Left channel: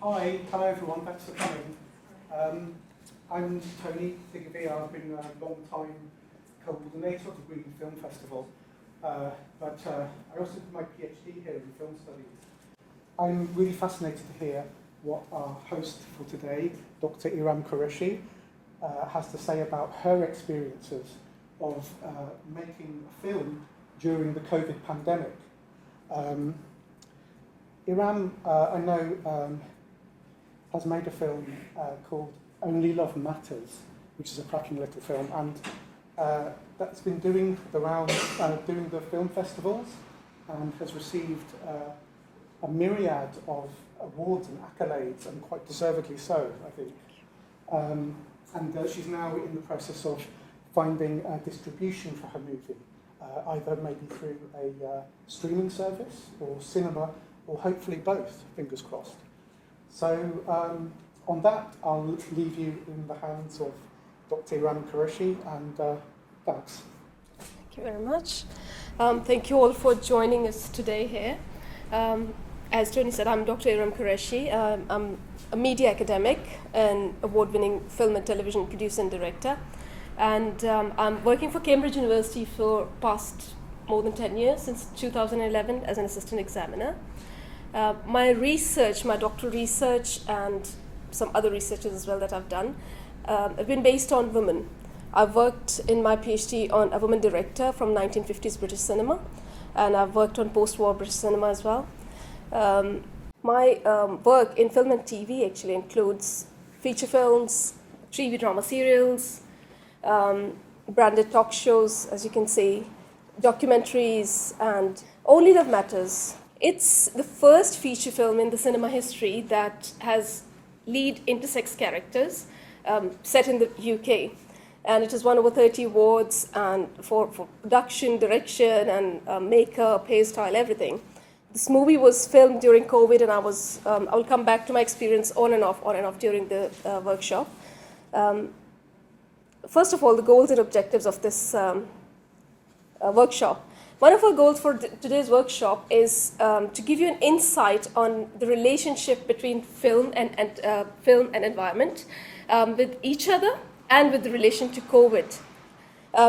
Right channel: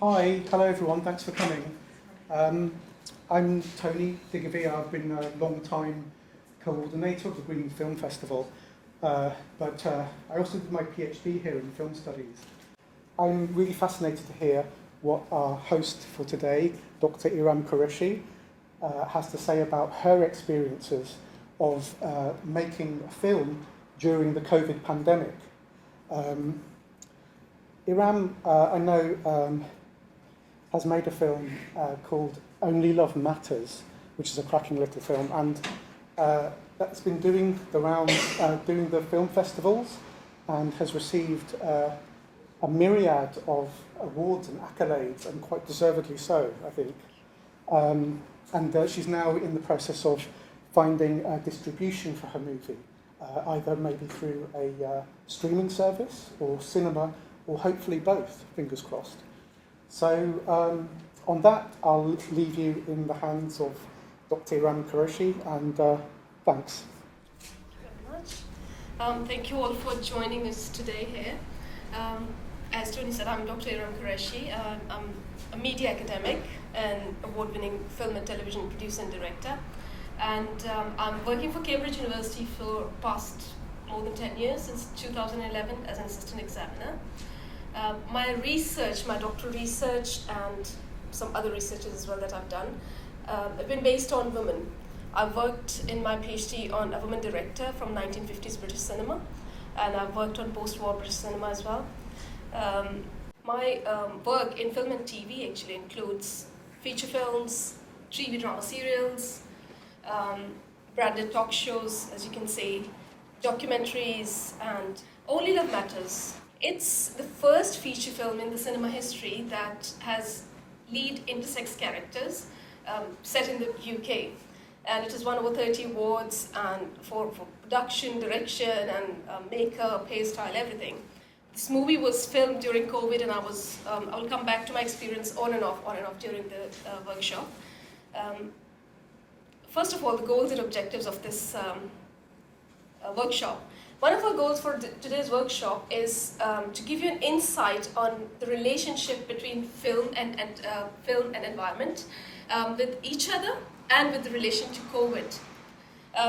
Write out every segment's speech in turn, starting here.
Hi, hello everyone, thanks for coming. I'm Tony Digavia. I've been a long time coordinator of the Green Film Festival, but I also did my PhD here in film studies. I'm really fascinated to hear what our host for today, Dr. Iram Qureshi, has to say about her experiences of making a film during the COVID pandemic. Iram, I know, has made a film called Only Love Matters, which is a cracking little film, and that's been doing the rounds, doing the film festivals, and has received a myriad of awards and accolades, and quite deservedly so, I think. And she's now in the process of finding distribution for her movie, either maybe through a streaming service or cinema, or hopefully both, fingers crossed. So on that, I'll leave you in the hands of Dr. Iram Qureshi, and thanks. Thank you very much. Thank you all for joining us today here. As Tony said, I'm Dr. Iram Qureshi. I'm a media academic and award-winning film and television producer and director. And I'm working for Cambridge University for past more than 10 years, since 2011 as an assistant examiner. My research, my doctoral research, and some other researches as well that I've done, have been based on women. I've worked in my PhD on a woman director from 1950s British cinema, and I've worked on post-war British cinema as well. My work in film and TV actually includes feature films, TV drama serials, branded talk shows, as you can see, documentaries, and Only Love Matters. It's the first feature film in the cinema history that has lead intersex characters set in the UK. And it has won over 30 awards and for production, direction, and makeup, hairstyle, everything. This movie was filmed during COVID, and I will come back to my experience on and off during the workshop. First of all, the goals and objectives of this workshop. One of our goals for today's workshop is to give you an insight on the relationship between film and environment with each other and with the relation to COVID.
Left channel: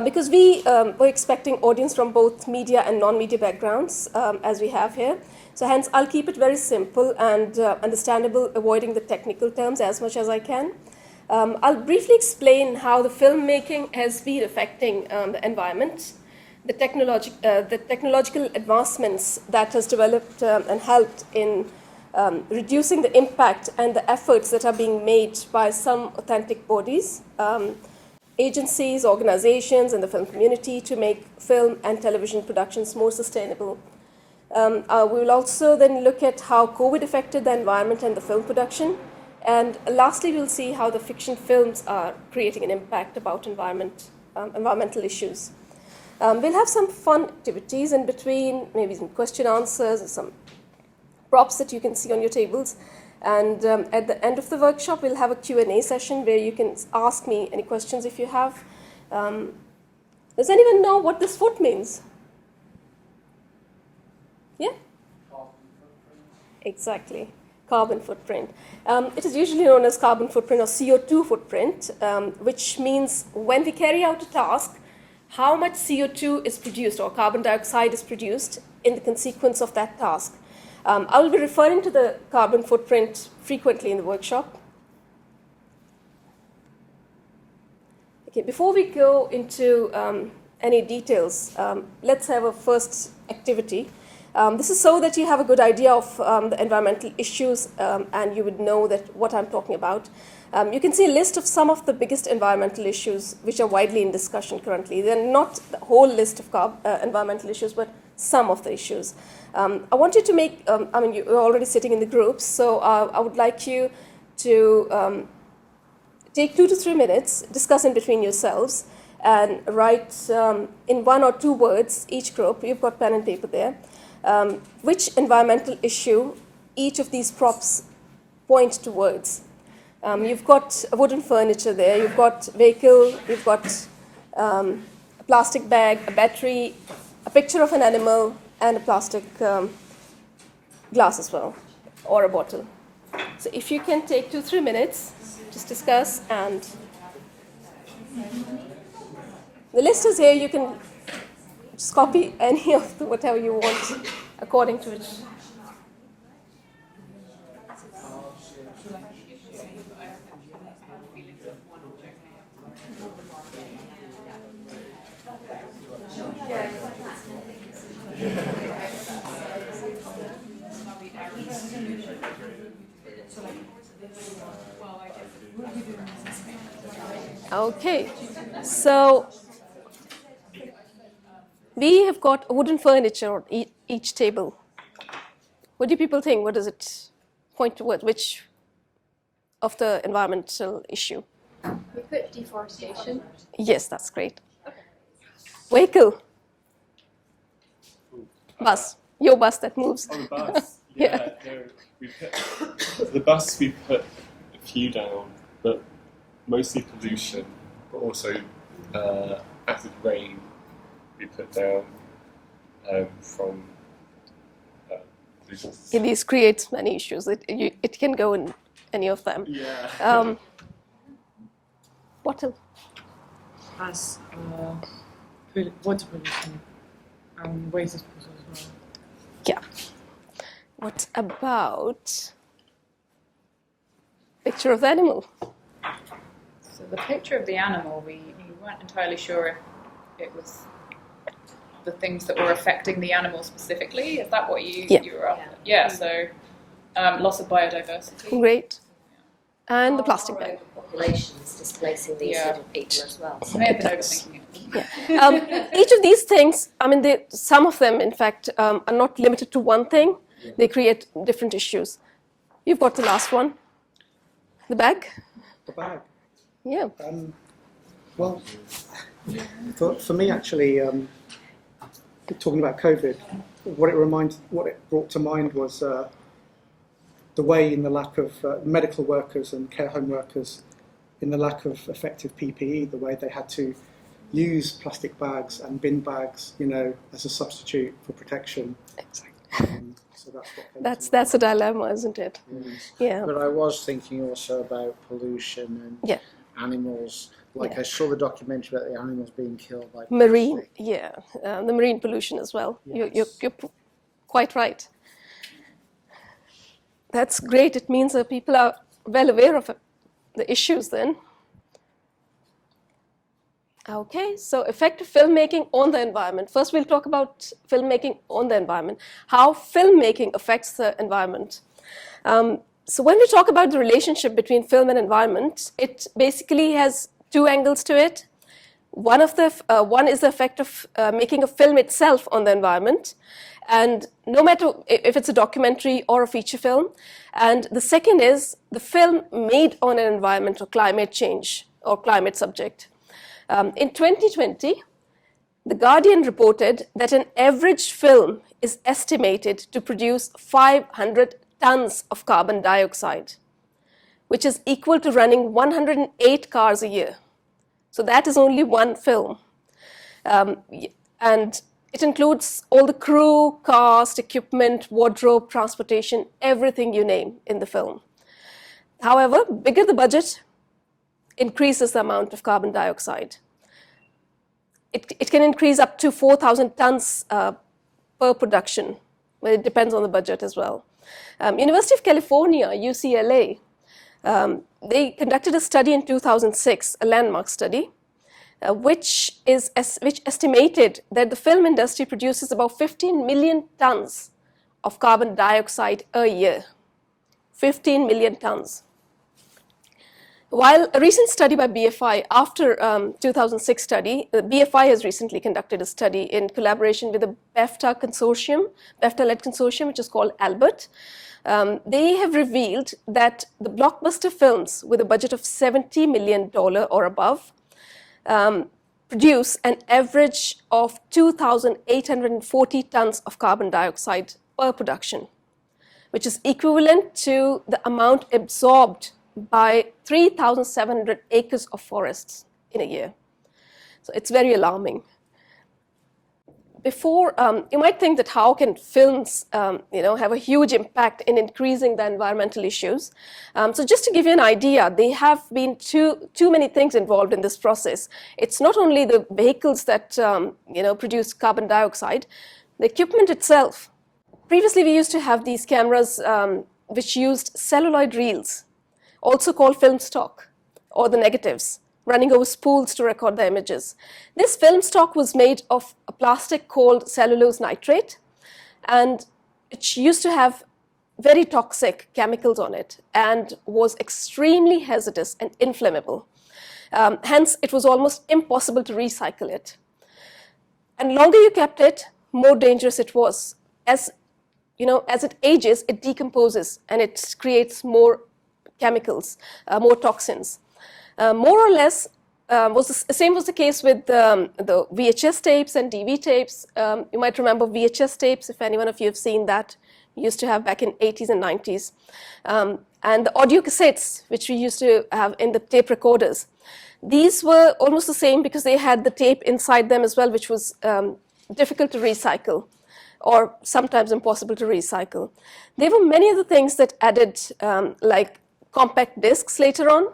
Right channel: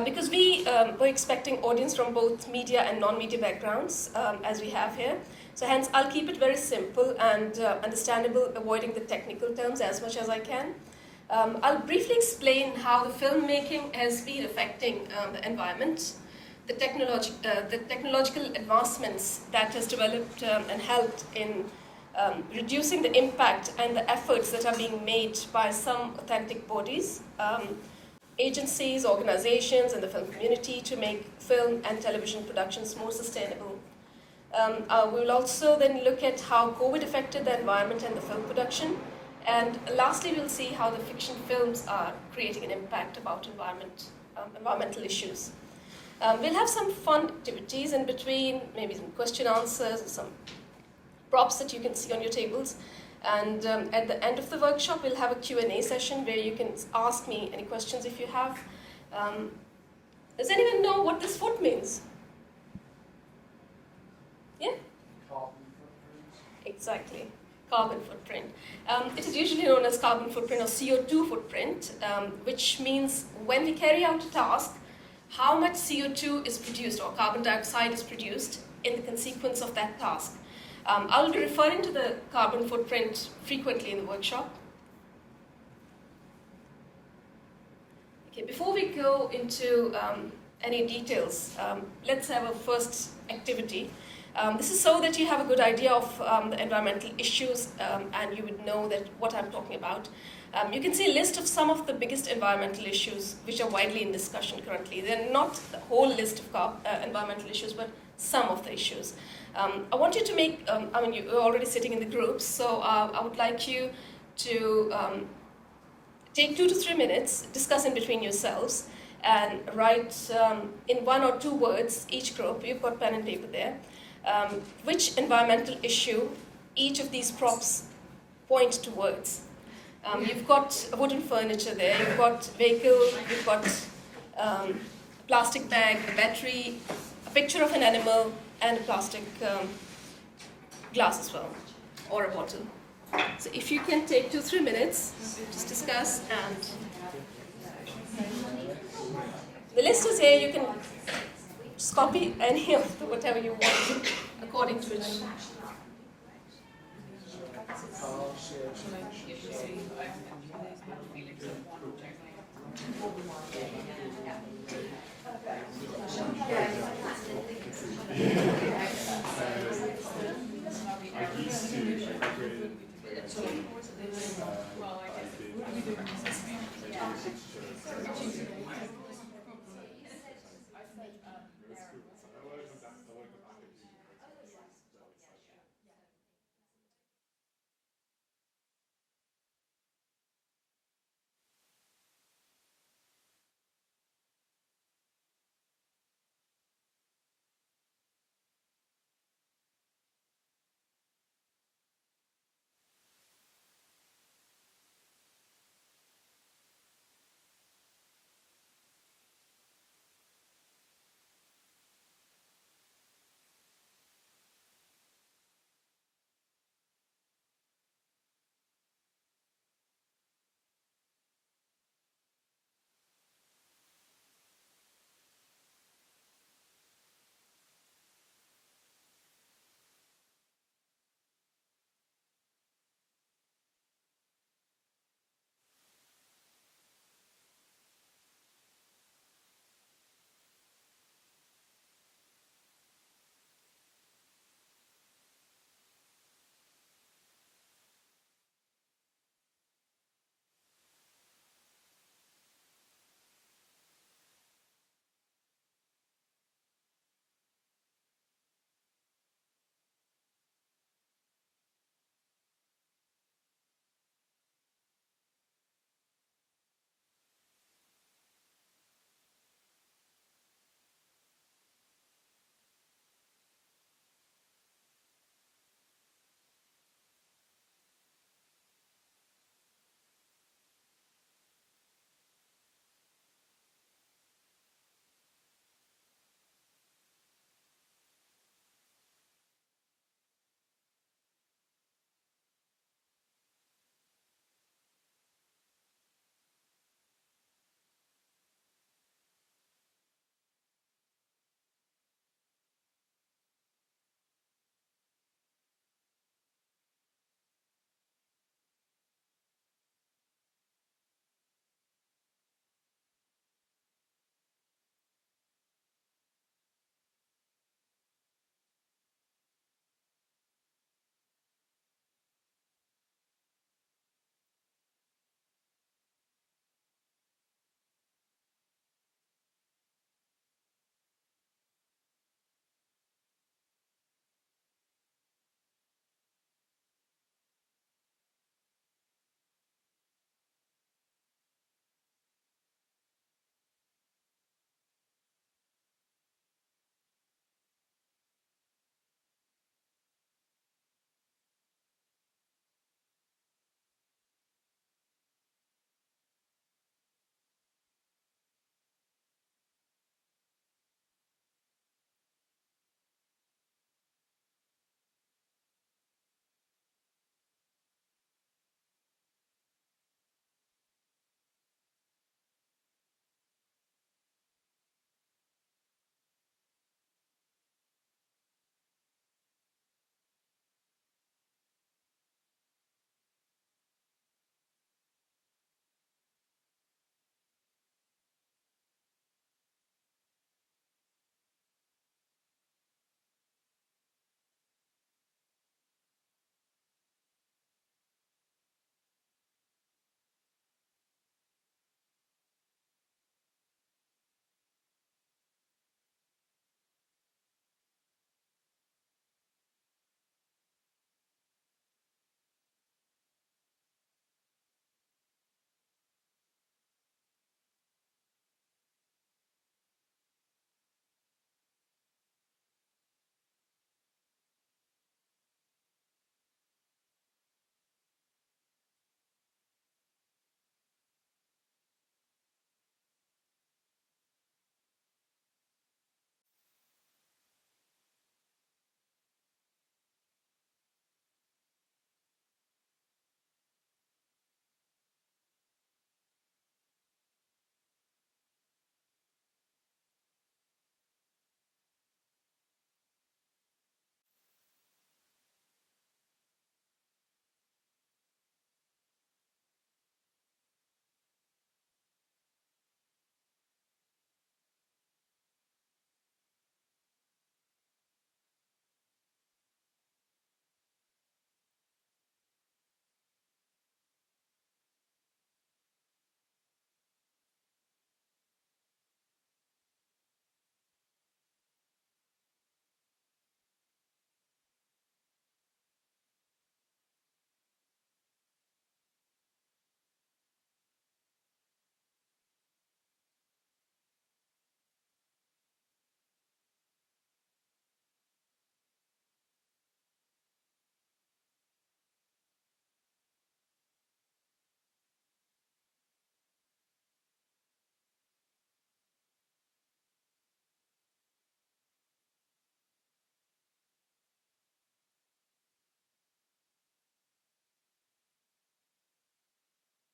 Because we were expecting audience from both media and non-media backgrounds, as we have here. So hence, I'll keep it very simple and understandable, avoiding the technical terms as much as I can. I'll briefly explain how the filmmaking has been affecting the environment, the technological advancements that has developed and helped in reducing the impact and the efforts that are being made by some authentic bodies, agencies, organizations, and the film community to make film and television productions more sustainable. We will also then look at how COVID affected the environment and the film production. And lastly, we'll see how the fiction films are creating an impact about environmental issues. We'll have some fun activities in between, maybe some question answers, some props that you can see on your tables. And at the end of the workshop, we'll have a Q&A session where you can ask me any questions if you have. Does anyone know what this foot means? Yeah? Carbon footprint. Exactly. Carbon footprint. It is usually known as carbon footprint or CO2 footprint, which means when we carry out a task, how much CO2 is produced or carbon dioxide is produced in the consequence of that task. I will be referring to the carbon footprint frequently in the workshop. Okay, before we go into any details, let's have a first activity. This is so that you have a good idea of the environmental issues and you would know that what I'm talking about. You can see a list of some of the biggest environmental issues which are widely in discussion currently. They're not the whole list of environmental issues, but some of the issues. I want you to make, you're already sitting in the groups, so I would like you to take 2 to 3 minutes, discuss in between yourselves, and write in 1 or 2 words, each group, you've got pen and paper there, which environmental issue each of these props point towards. You've got wooden furniture there, you've got vehicle, you've got a plastic bag, a battery, a picture of an animal, and a plastic glass as well, or a bottle. So if you can take 2-3 minutes, just discuss, and the list is here. You can just copy any of whatever you want according to it. Okay, so we have got wooden furniture on each table. What do people think? What does it point toward? Which of the environmental issue? We put deforestation. Yes, that's great. Vehicle. Bus. Your bus that moves. Oh, the bus. Yeah. No, the bus we put a few down, but mostly pollution, but also acid rain we put down from pollution. These creates many issues. It can go in any of them. Yeah. What else? As water pollution and waste disposal as well. Yeah. What about picture of the animal? So the picture of the animal, we weren't entirely sure if it was the things that were affecting the animal specifically. Is that what you were after? Yeah, so loss of biodiversity. Great. And the plastic bag. Populations displacing these sort of people as well. I may have been overthinking it. Each of these things, I mean, some of them, in fact, are not limited to one thing. They create different issues. You've got the last one. The bag? The bag. Yeah. Well, for me, actually, talking about COVID, what it brought to mind was the way in the lack of medical workers and care home workers, in the lack of effective PPE, the way they had to use plastic bags and bin bags, as a substitute for protection. Exactly. So that's what That's a dilemma, isn't it? Yeah. But I was thinking also about pollution and animals. I saw the documentary about the animals being killed by Marine, plastic. the marine pollution as well. Yes. You're quite right. That's great. It means that people are well aware of the issues then. Okay, so effective filmmaking on the environment. First, we'll talk about filmmaking on the environment, how filmmaking affects the environment. So when we talk about the relationship between film and environment, it basically has two angles to it. One is the effect of making a film itself on the environment, and no matter if it's a documentary or a feature film. And the second is the film made on an environment or climate change or climate subject. In 2020, The Guardian reported that an average film is estimated to produce 500 tons of carbon dioxide, which is equal to running 108 cars a year. So that is only one film. And it includes all the crew, cast, equipment, wardrobe, transportation, everything you name in the film. However, bigger the budget, increases the amount of carbon dioxide. It can increase up to 4,000 tons per production, but it depends on the budget as well. University of California, UCLA, they conducted a study in 2006, a landmark study, which estimated that the film industry produces about 15 million tons of carbon dioxide a year. 15 million tons. While a recent study by BFI, after 2006 study, BFI has recently conducted a study in collaboration with the BAFTA consortium, BAFTA-led consortium, which is called Albert. They have revealed that the blockbuster films with a budget of $70 million or above produce an average of 2,840 tons of carbon dioxide per production, which is equivalent to the amount absorbed by 3,700 acres of forests in a year. So it's very alarming. before, you might think that how can films, have a huge impact in increasing the environmental issues. So just to give you an idea, there have been too many things involved in this process. It's not only the vehicles that, produce carbon dioxide, the equipment itself. Previously, we used to have these cameras which used celluloid reels, also called film stock, or the negatives, running over spools to record the images. This film stock was made of a plastic called cellulose nitrate, and it used to have very toxic chemicals on it and was extremely hazardous and inflammable. Hence, it was almost impossible to recycle it. And longer you kept it, more dangerous it was. As it ages, it decomposes and it creates more chemicals, more toxins. More or less, the same was the case with the VHS tapes and DV tapes. You might remember VHS tapes, if anyone of you have seen that. We used to have back in 80s and 90s. And the audio cassettes, which we used to have in the tape recorders. These were almost the same because they had the tape inside them as well, which was difficult to recycle or sometimes impossible to recycle. There were many other things that added, like compact discs later on,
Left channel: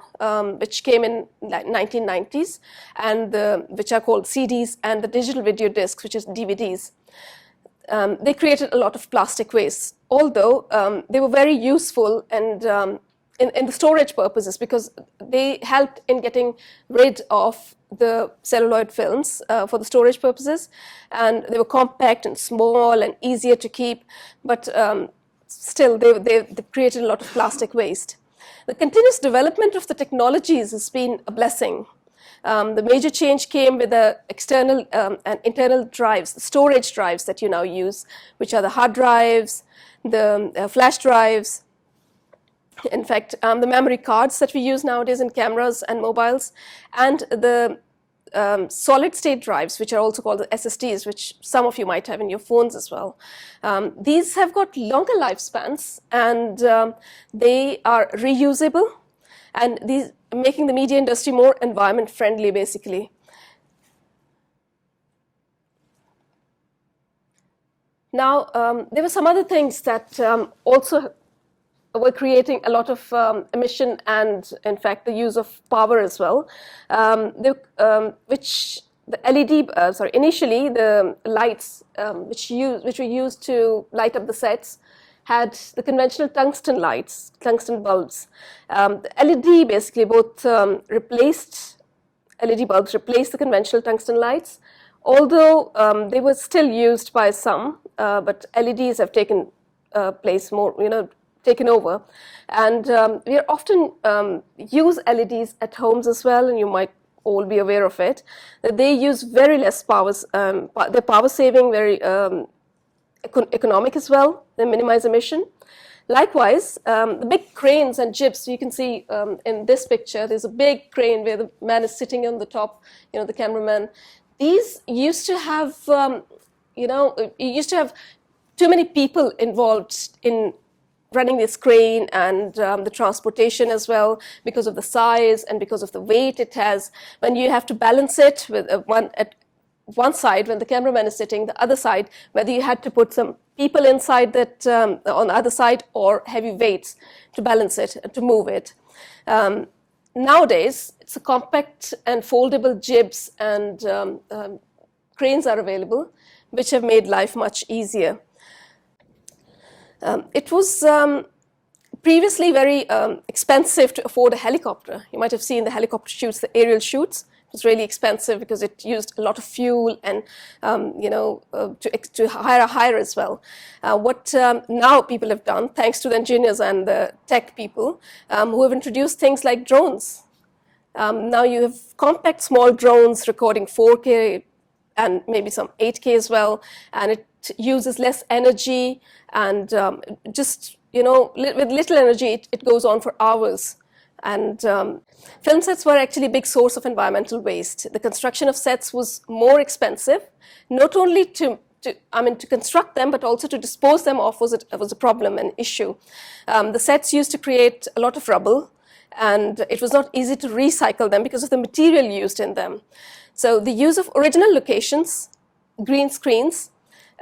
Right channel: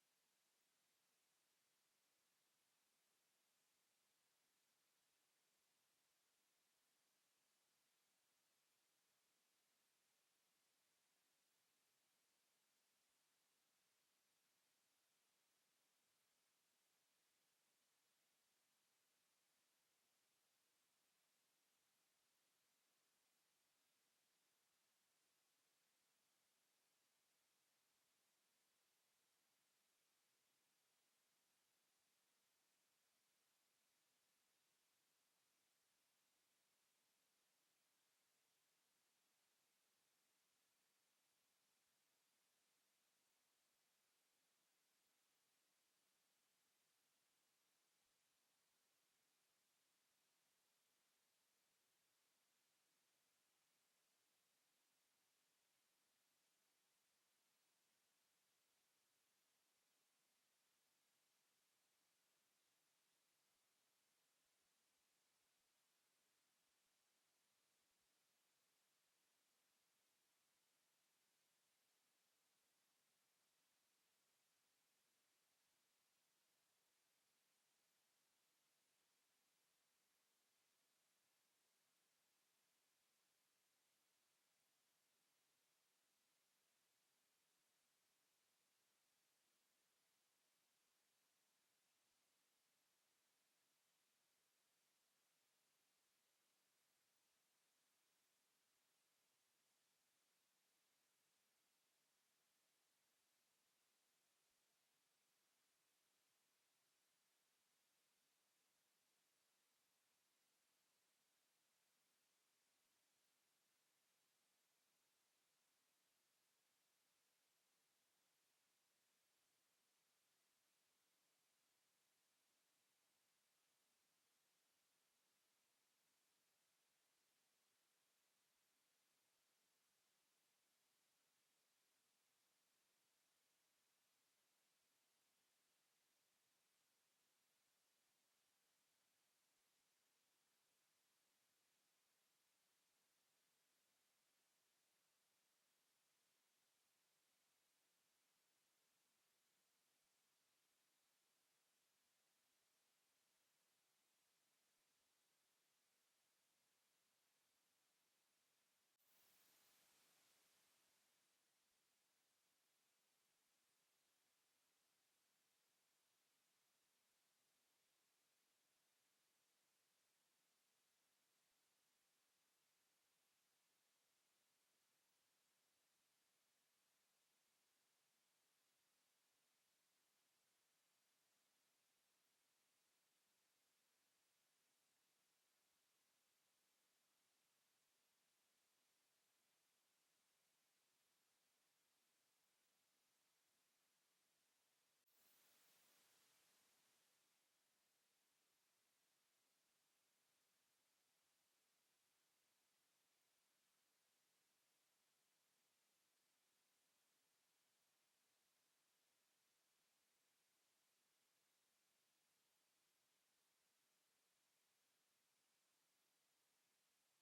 which came in like 1990s, and which are called CDs, and the digital video discs, which is DVDs. They created a lot of plastic waste, although they were very useful and in the storage purposes, because they helped in getting rid of the celluloid films for the storage purposes, and they were compact and small and easier to keep, but still they created a lot of plastic waste. The continuous development of the technologies has been a blessing. The major change came with the external and internal drives, the storage drives that you now use, which are the hard drives, the flash drives, in fact, the memory cards that we use nowadays in cameras and mobiles, and the solid state drives, which are also called the SSDs, which some of you might have in your phones as well. These have got longer lifespans, and they are reusable, and these making the media industry more environment friendly, basically. Now, there were some other things that also were creating a lot of emission and, in fact, the use of power as well, initially the lights which were used to light up the sets had the conventional tungsten lights, tungsten bulbs. The LED basically both LED bulbs replaced the conventional tungsten lights, although they were still used by some, but LEDs have taken place more, taken over. And we often use LEDs at homes as well, and you might all be aware of it, that they use very less power, they're power saving, very economic as well, they minimize emission. Likewise, the big cranes and jibs, you can see in this picture, there's a big crane where the man is sitting on the top, the cameraman. These used to have, you used to have too many people involved in running this crane and the transportation as well, because of the size and because of the weight it has. When you have to balance it with one side, when the cameraman is sitting, the other side, whether you had to put some people inside that on the other side or heavy weights to balance it, to move it. Nowadays, it's a compact and foldable jibs and cranes are available, which have made life much easier. It was previously very expensive to afford a helicopter. You might have seen the helicopter shoots, the aerial shoots. It was really expensive because it used a lot of fuel and, to hire as well. What now people have done, thanks to the engineers and the tech people, who have introduced things like drones. Now you have compact small drones recording 4K and maybe some 8K as well, and it uses less energy, and just, with little energy, it goes on for hours. And film sets were actually a big source of environmental waste. The construction of sets was more expensive, not only to construct them, but also to dispose them off was a problem, an issue. The sets used to create a lot of rubble, and it was not easy to recycle them because of the material used in them. So the use of original locations green screens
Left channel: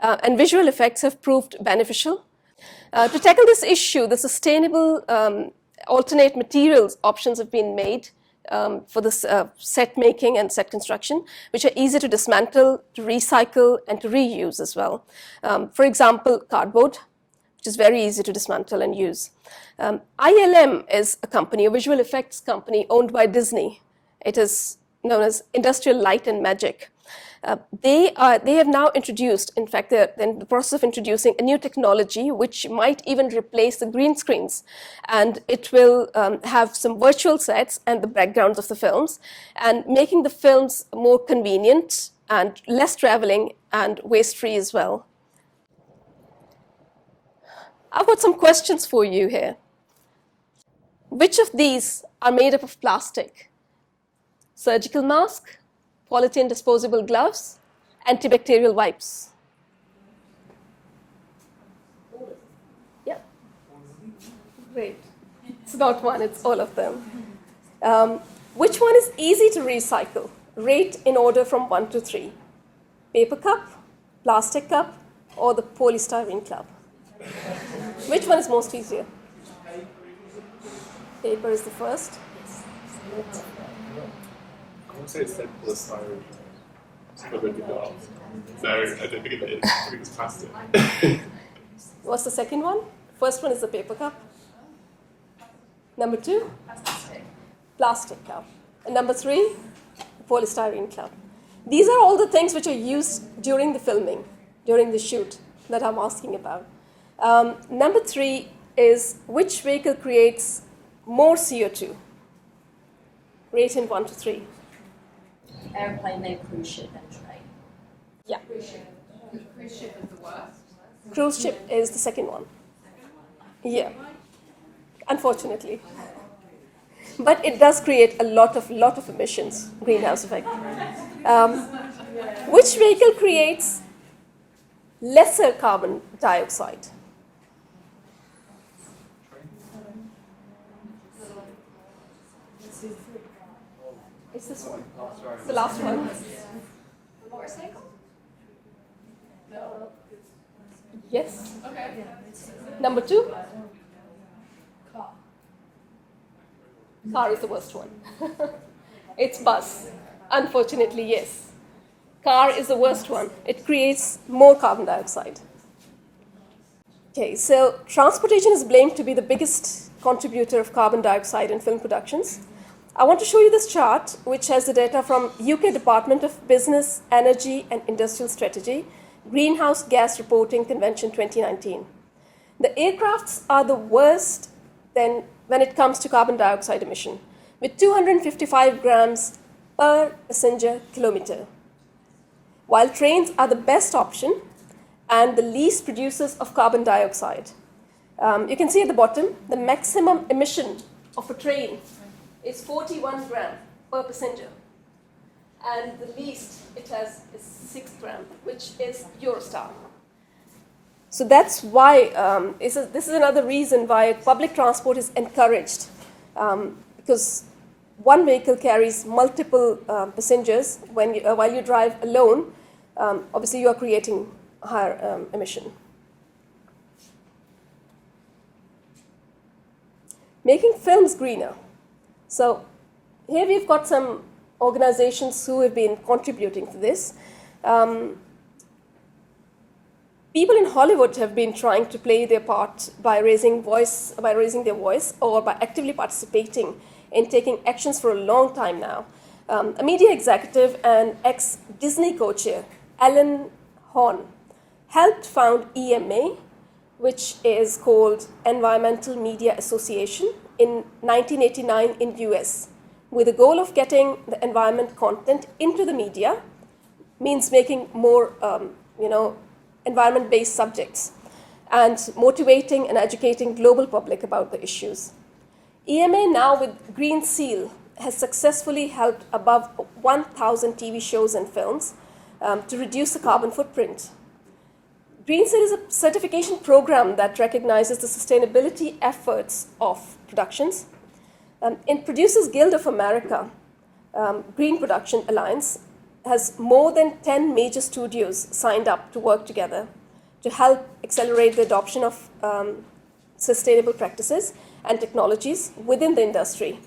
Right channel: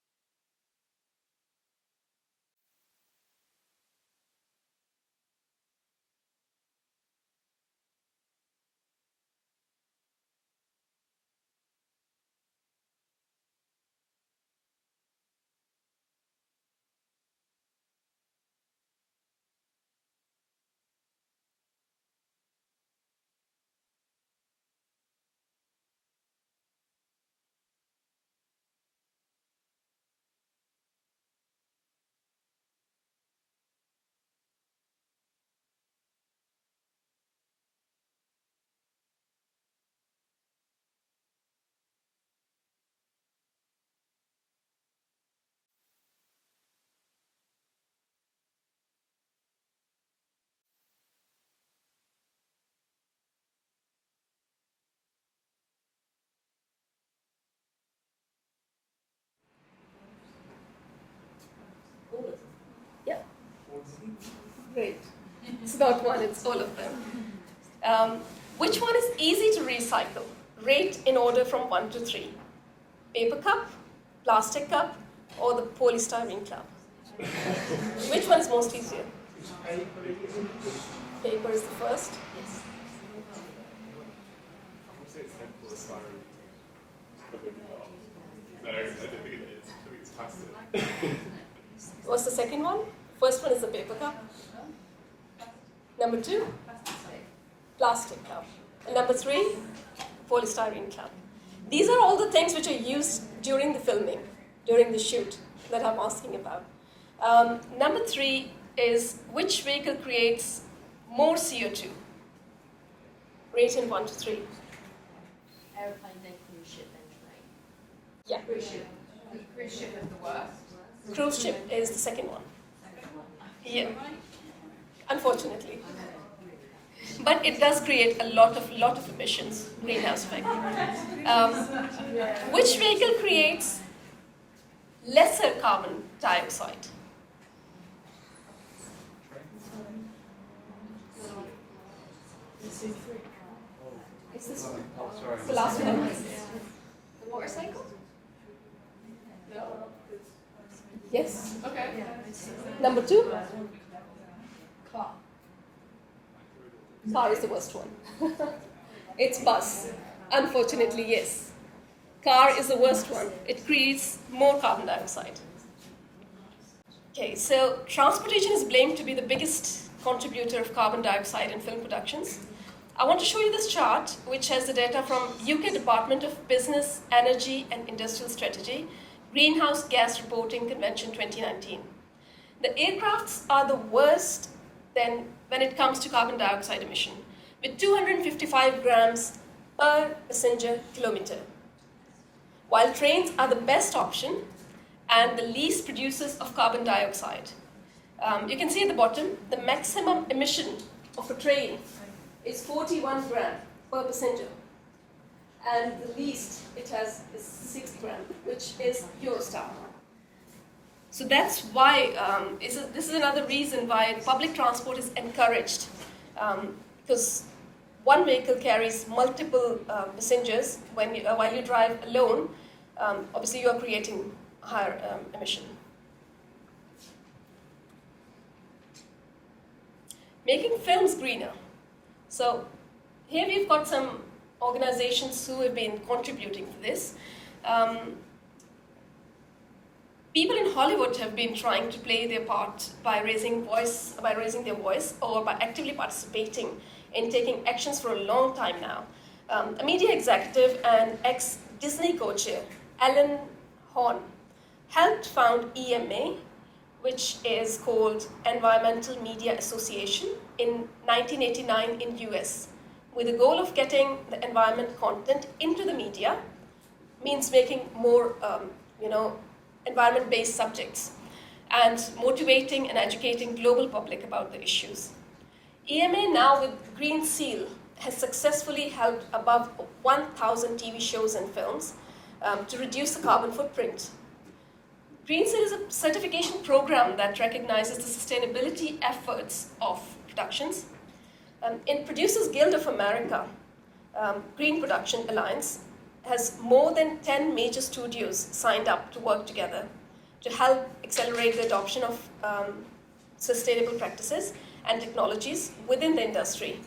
and visual effects have proved beneficial. To tackle this issue, the sustainable alternate materials options have been made for this set making and set construction, which are easy to dismantle, to recycle, and to reuse as well. For example, cardboard, which is very easy to dismantle and use. ILM is a company, a visual effects company owned by Disney. It is known as Industrial Light and Magic. They have now introduced, in fact, they're in the process of introducing a new technology which might even replace the green screens. And it will have some virtual sets and the backgrounds of the films, and making the films more convenient and less traveling and waste-free as well. I've got some questions for you here. Which of these are made up of plastic? Surgical mask, polythene disposable gloves, antibacterial wipes. Yeah. Great. It's not one, it's all of them. Which one is easy to recycle? Rate in order from 1 to 3. Paper cup, plastic cup, or the polystyrene cup? Which one is most easier? Paper is the first. I would say it's like polystyrene. No, I don't think it is. I think it's plastic. What's the second one? First one is the paper cup. Number 2? Plastic cup. And number 3? Polystyrene cup. These are all the things which are used during the filming, during the shoot that I'm asking about. Number 3 is which vehicle creates more CO2? Rate in 1 to 3. Airplane, then cruise ship, then train. Yeah. Cruise ship is the worst. Cruise ship is the second one. Yeah. Unfortunately. But it does create a lot of emissions, greenhouse effect. Which vehicle creates lesser carbon dioxide? It's this one. The last one. The motorcycle? Yes. Okay. Number 2? Car is the worst one. It's bus. Unfortunately, yes. Car is the worst one. It creates more carbon dioxide. Okay, so transportation is blamed to be the biggest contributor of carbon dioxide in film productions. I want to show you this chart, which has the data from UK Department of Business, Energy and Industrial Strategy, Greenhouse Gas Reporting Convention 2019. The aircrafts are the worst then when it comes to carbon dioxide emission, with 255 grams per passenger kilometer. While trains are the best option and the least producers of carbon dioxide. You can see at the bottom, the maximum emission of a train is 41 gram per passenger. And the least it has is 6 gram, which is Eurostar. So that's why, this is another reason why public transport is encouraged, because one vehicle carries multiple passengers. While you drive alone, obviously you are creating higher emission. Making films greener. So here we've got some organizations who have been contributing to this. People in Hollywood have been trying to play their part by raising their voice, or by actively participating in taking actions for a long time now. A media executive and ex-Disney co-chair, Alan Horn, helped found EMA, which is called Environmental Media Association, in 1989 in US, with the goal of getting the environment content into the media, means making more, environment-based subjects, and motivating and educating global public about the issues. EMA now with Green Seal has successfully helped above 1,000 TV shows and films to reduce the carbon footprint. Green Seal is a certification program that recognizes the sustainability efforts of productions. In Producers Guild of America, Green Production Alliance, has more than 10 major studios signed up to work together to help accelerate the adoption of sustainable practices and technologies within the industry.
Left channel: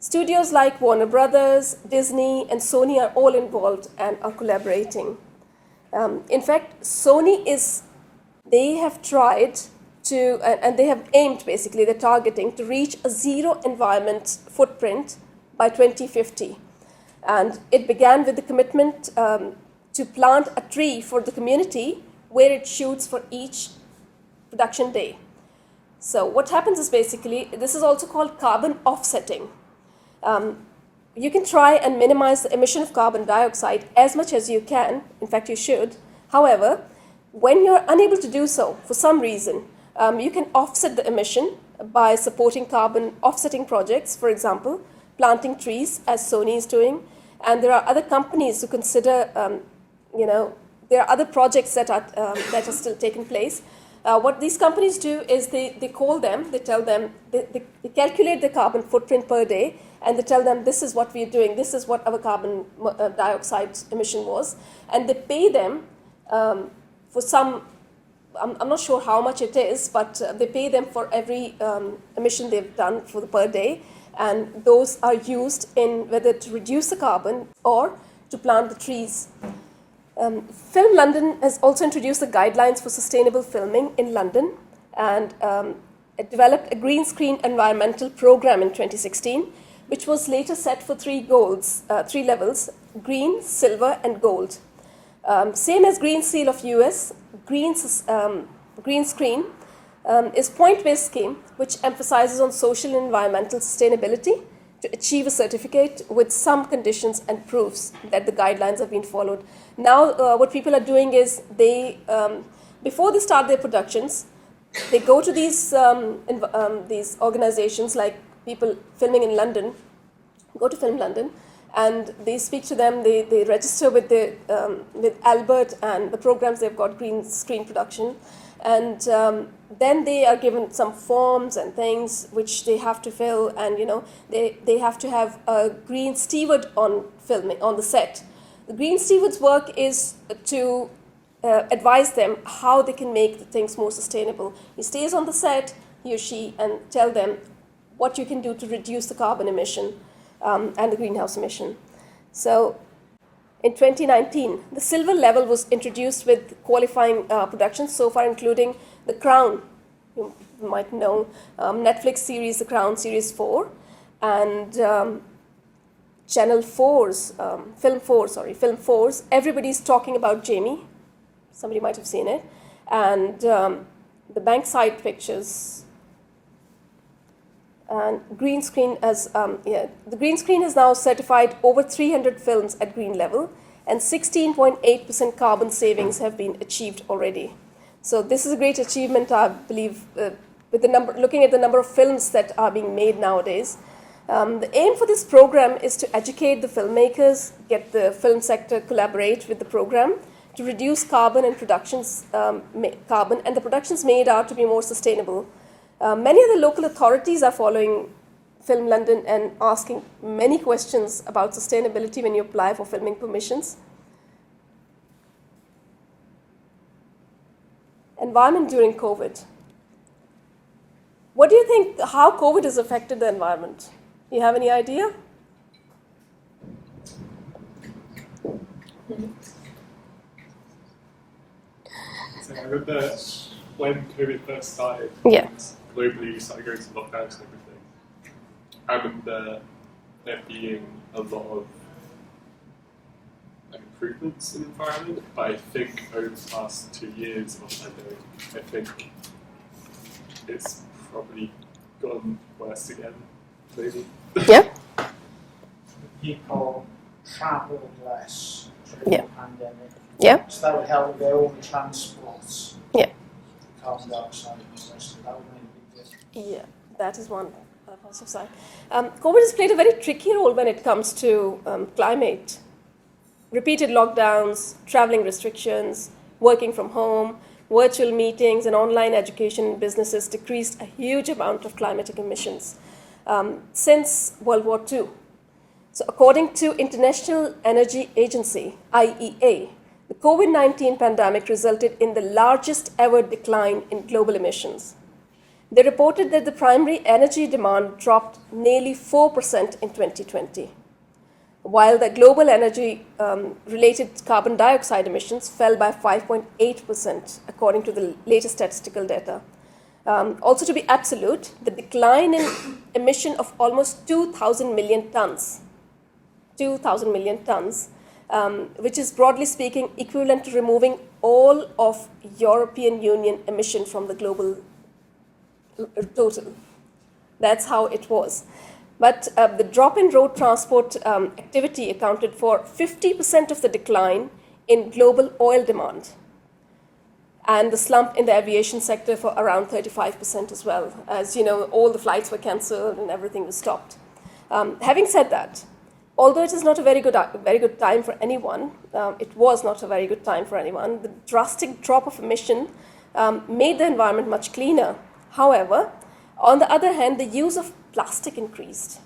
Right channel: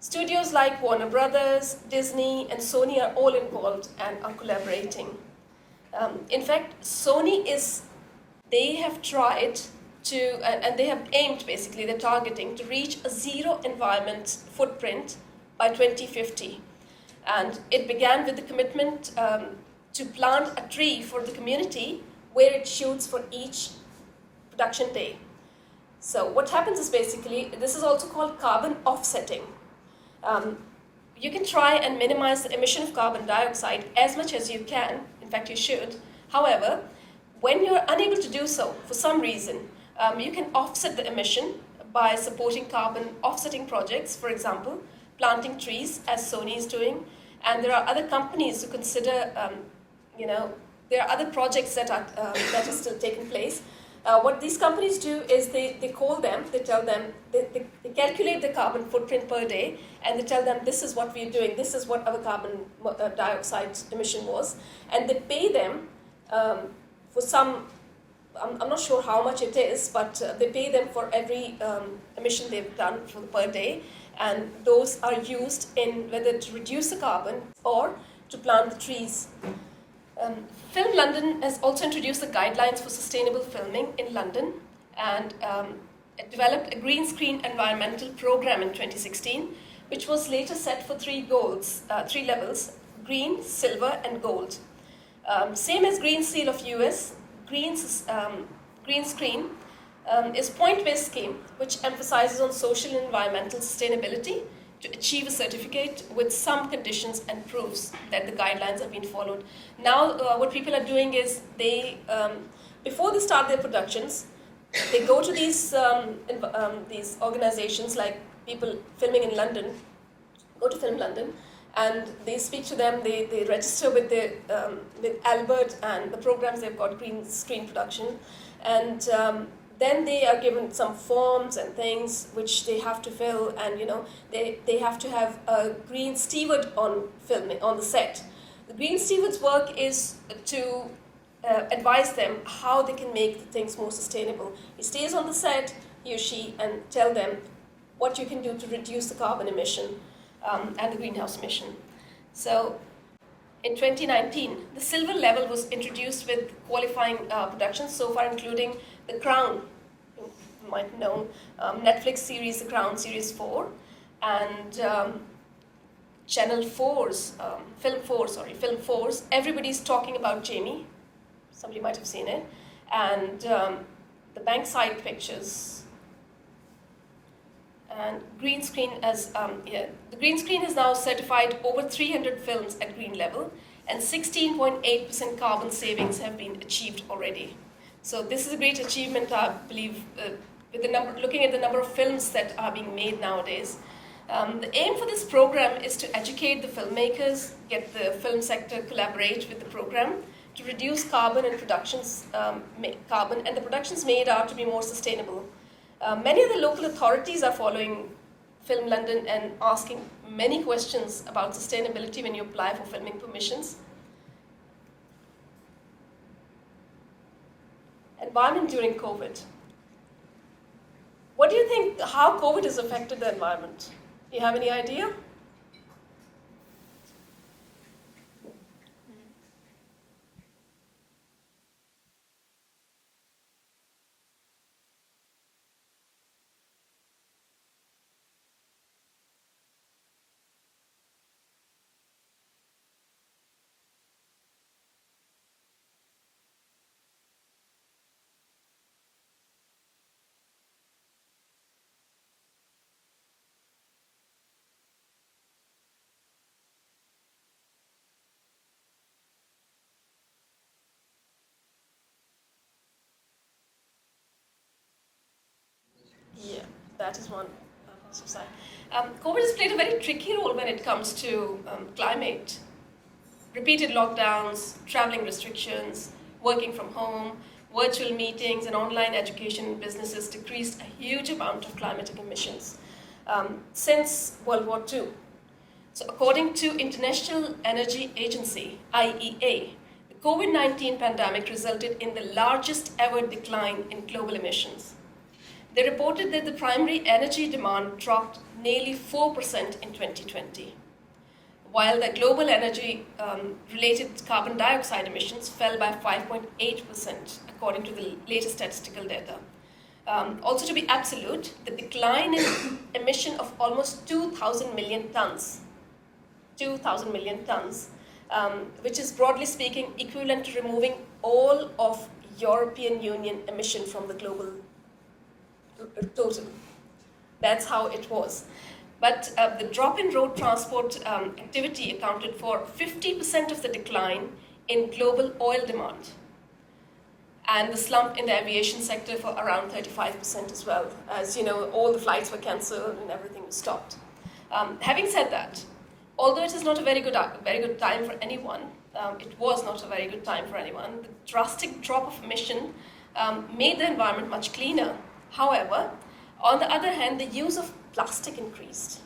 Studios like Warner Brothers, Disney, and Sony are all involved and are collaborating. In fact, they have tried to, and they have aimed, basically, they're targeting to reach a zero environment footprint by 2050. And it began with the commitment to plant a tree for the community where it shoots for each production day. So what happens is, basically, this is also called carbon offsetting. You can try and minimize the emission of carbon dioxide as much as you can. In fact, you should. However, when you're unable to do so for some reason, you can offset the emission by supporting carbon offsetting projects, for example, planting trees, as Sony is doing. And there are other companies who consider, there are other projects that are still taking place. What these companies do is they tell them, they calculate the carbon footprint per day, and they tell them, this is what we're doing, this is what our carbon dioxide emission was, and they pay them for some, I'm not sure how much it is, but they pay them for every emission they've done for the per day, and those are used in whether to reduce the carbon or to plant the trees. Film London has also introduced the guidelines for sustainable filming in London, and it developed a green screen environmental program in 2016, which was later set for three levels: green, silver, and gold. Same as Green Seal of US, Green Screen is point-based scheme which emphasizes on social and environmental sustainability to achieve a certificate with some conditions and proofs that the guidelines have been followed. Now, what people are doing is before they start their productions, they go to these organizations, like people filming in London, go to Film London, and they speak to them. They register with Albert and the programs they've got, green screen production, and then they are given some forms and things which they have to fill, and they have to have a green steward on filming on the set. The green steward's work is to advise them how they can make the things more sustainable. He stays on the set, he or she, and tell them what you can do to reduce the carbon emission and the greenhouse emission. So in 2019, the silver level was introduced with qualifying productions so far, including The Crown, you might know, Netflix series The Crown Series 4, and Channel 4's, Film 4's Everybody's Talking About Jamie. Somebody might have seen it. And the Bankside Pictures. And Green Screen the Green Screen has now certified over 300 films at green level, and 16.8% carbon savings have been achieved already. So this is a great achievement, I believe, with looking at the number of films that are being made nowadays. The aim for this program is to educate the filmmakers, get the film sector collaborate with the program to reduce carbon and the productions made are to be more sustainable. Many of the local authorities are following Film London and asking many questions about sustainability when you apply for filming permissions. Environment during COVID. What do you think, how COVID has affected the environment? You have any idea? So I remember when COVID first started, Yeah. globally we started going to lockdowns and everything. I remember there being a lot of improvements in the environment, but I think over the past 2 years of the pandemic, I think it's probably gotten worse again, maybe. Yeah. People travelled less during Yeah. the pandemic. Yeah. So that would help with their own transports. Yeah. Carbon dioxide, so that would make a big difference. Yeah, that is one positive side. COVID has played a very tricky role when it comes to climate. Repeated lockdowns, traveling restrictions, working from home, virtual meetings, and online education in businesses decreased a huge amount of climatic emissions since World War II. So according to International Energy Agency, IEA, the COVID-19 pandemic resulted in the largest ever decline in global emissions. They reported that the primary energy demand dropped nearly 4% in 2020, while the global energy-related carbon dioxide emissions fell by 5.8%, according to the latest statistical data. Also, to be absolute, the decline in emission of almost 2,000 million tons, which is broadly speaking equivalent to removing all of European Union emission from the global total. That's how it was. But the drop in road transport activity accounted for 50% of the decline in global oil demand, and the slump in the aviation sector for around 35% as well. As you know, all the flights were cancelled and everything was stopped. Having said that, although it is not a very good time for anyone, it was not a very good time for anyone, the drastic drop of emission made the environment much cleaner. However, on the other hand, the use of plastic increased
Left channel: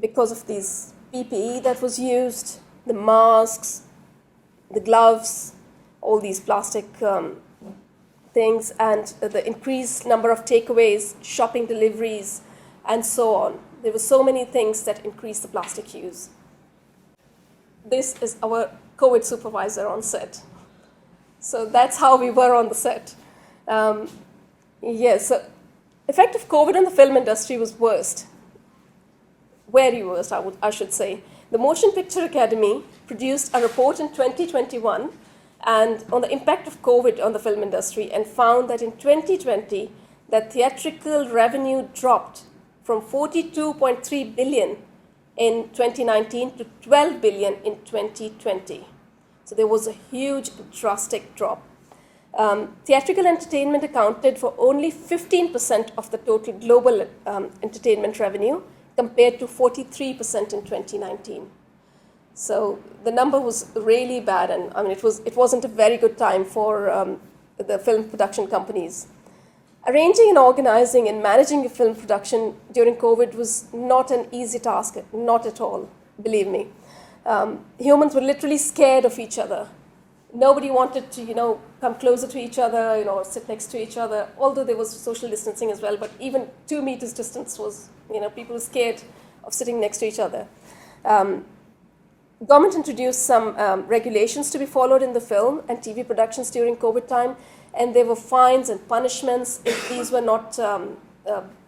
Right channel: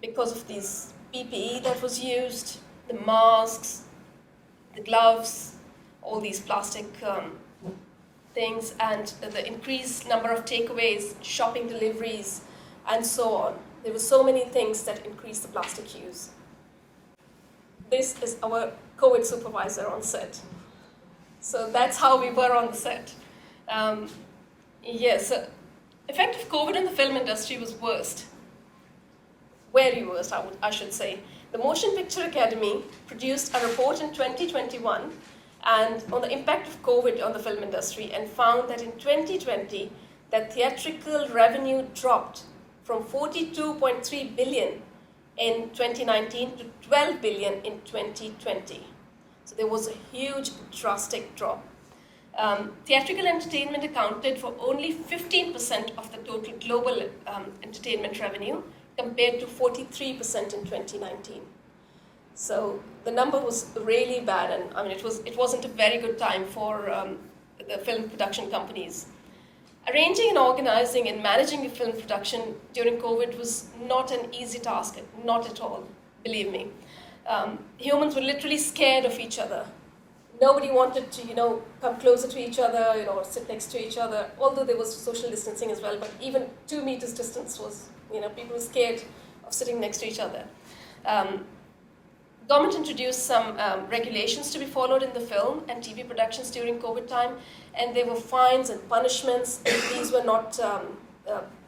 because of these PPE that was used, the masks, the gloves, all these plastic things, and the increased number of takeaways, shopping deliveries, and so on. There were so many things that increased the plastic use. This is our COVID supervisor on set. So that's how we were on the set. Yes, effect of COVID on the film industry was worst. Very worst, I should say. The Motion Picture Academy produced a report in 2021 and on the impact of COVID on the film industry, and found that in 2020, that theatrical revenue dropped from 42.3 billion in 2019 to 12 billion in 2020. So there was a huge, drastic drop. Theatrical entertainment accounted for only 15% of the total global entertainment revenue, compared to 43% in 2019. So the number was really bad, and I mean it wasn't a very good time for the film production companies. Arranging and organizing and managing a film production during COVID was not an easy task, not at all, believe me. Humans were literally scared of each other. Nobody wanted to, come closer to each other, or sit next to each other, although there was social distancing as well, but even 2 meters distance was, people were scared of sitting next to each other. Government introduced some regulations to be followed in the film and TV productions during COVID time, and there were fines and punishments if these were not,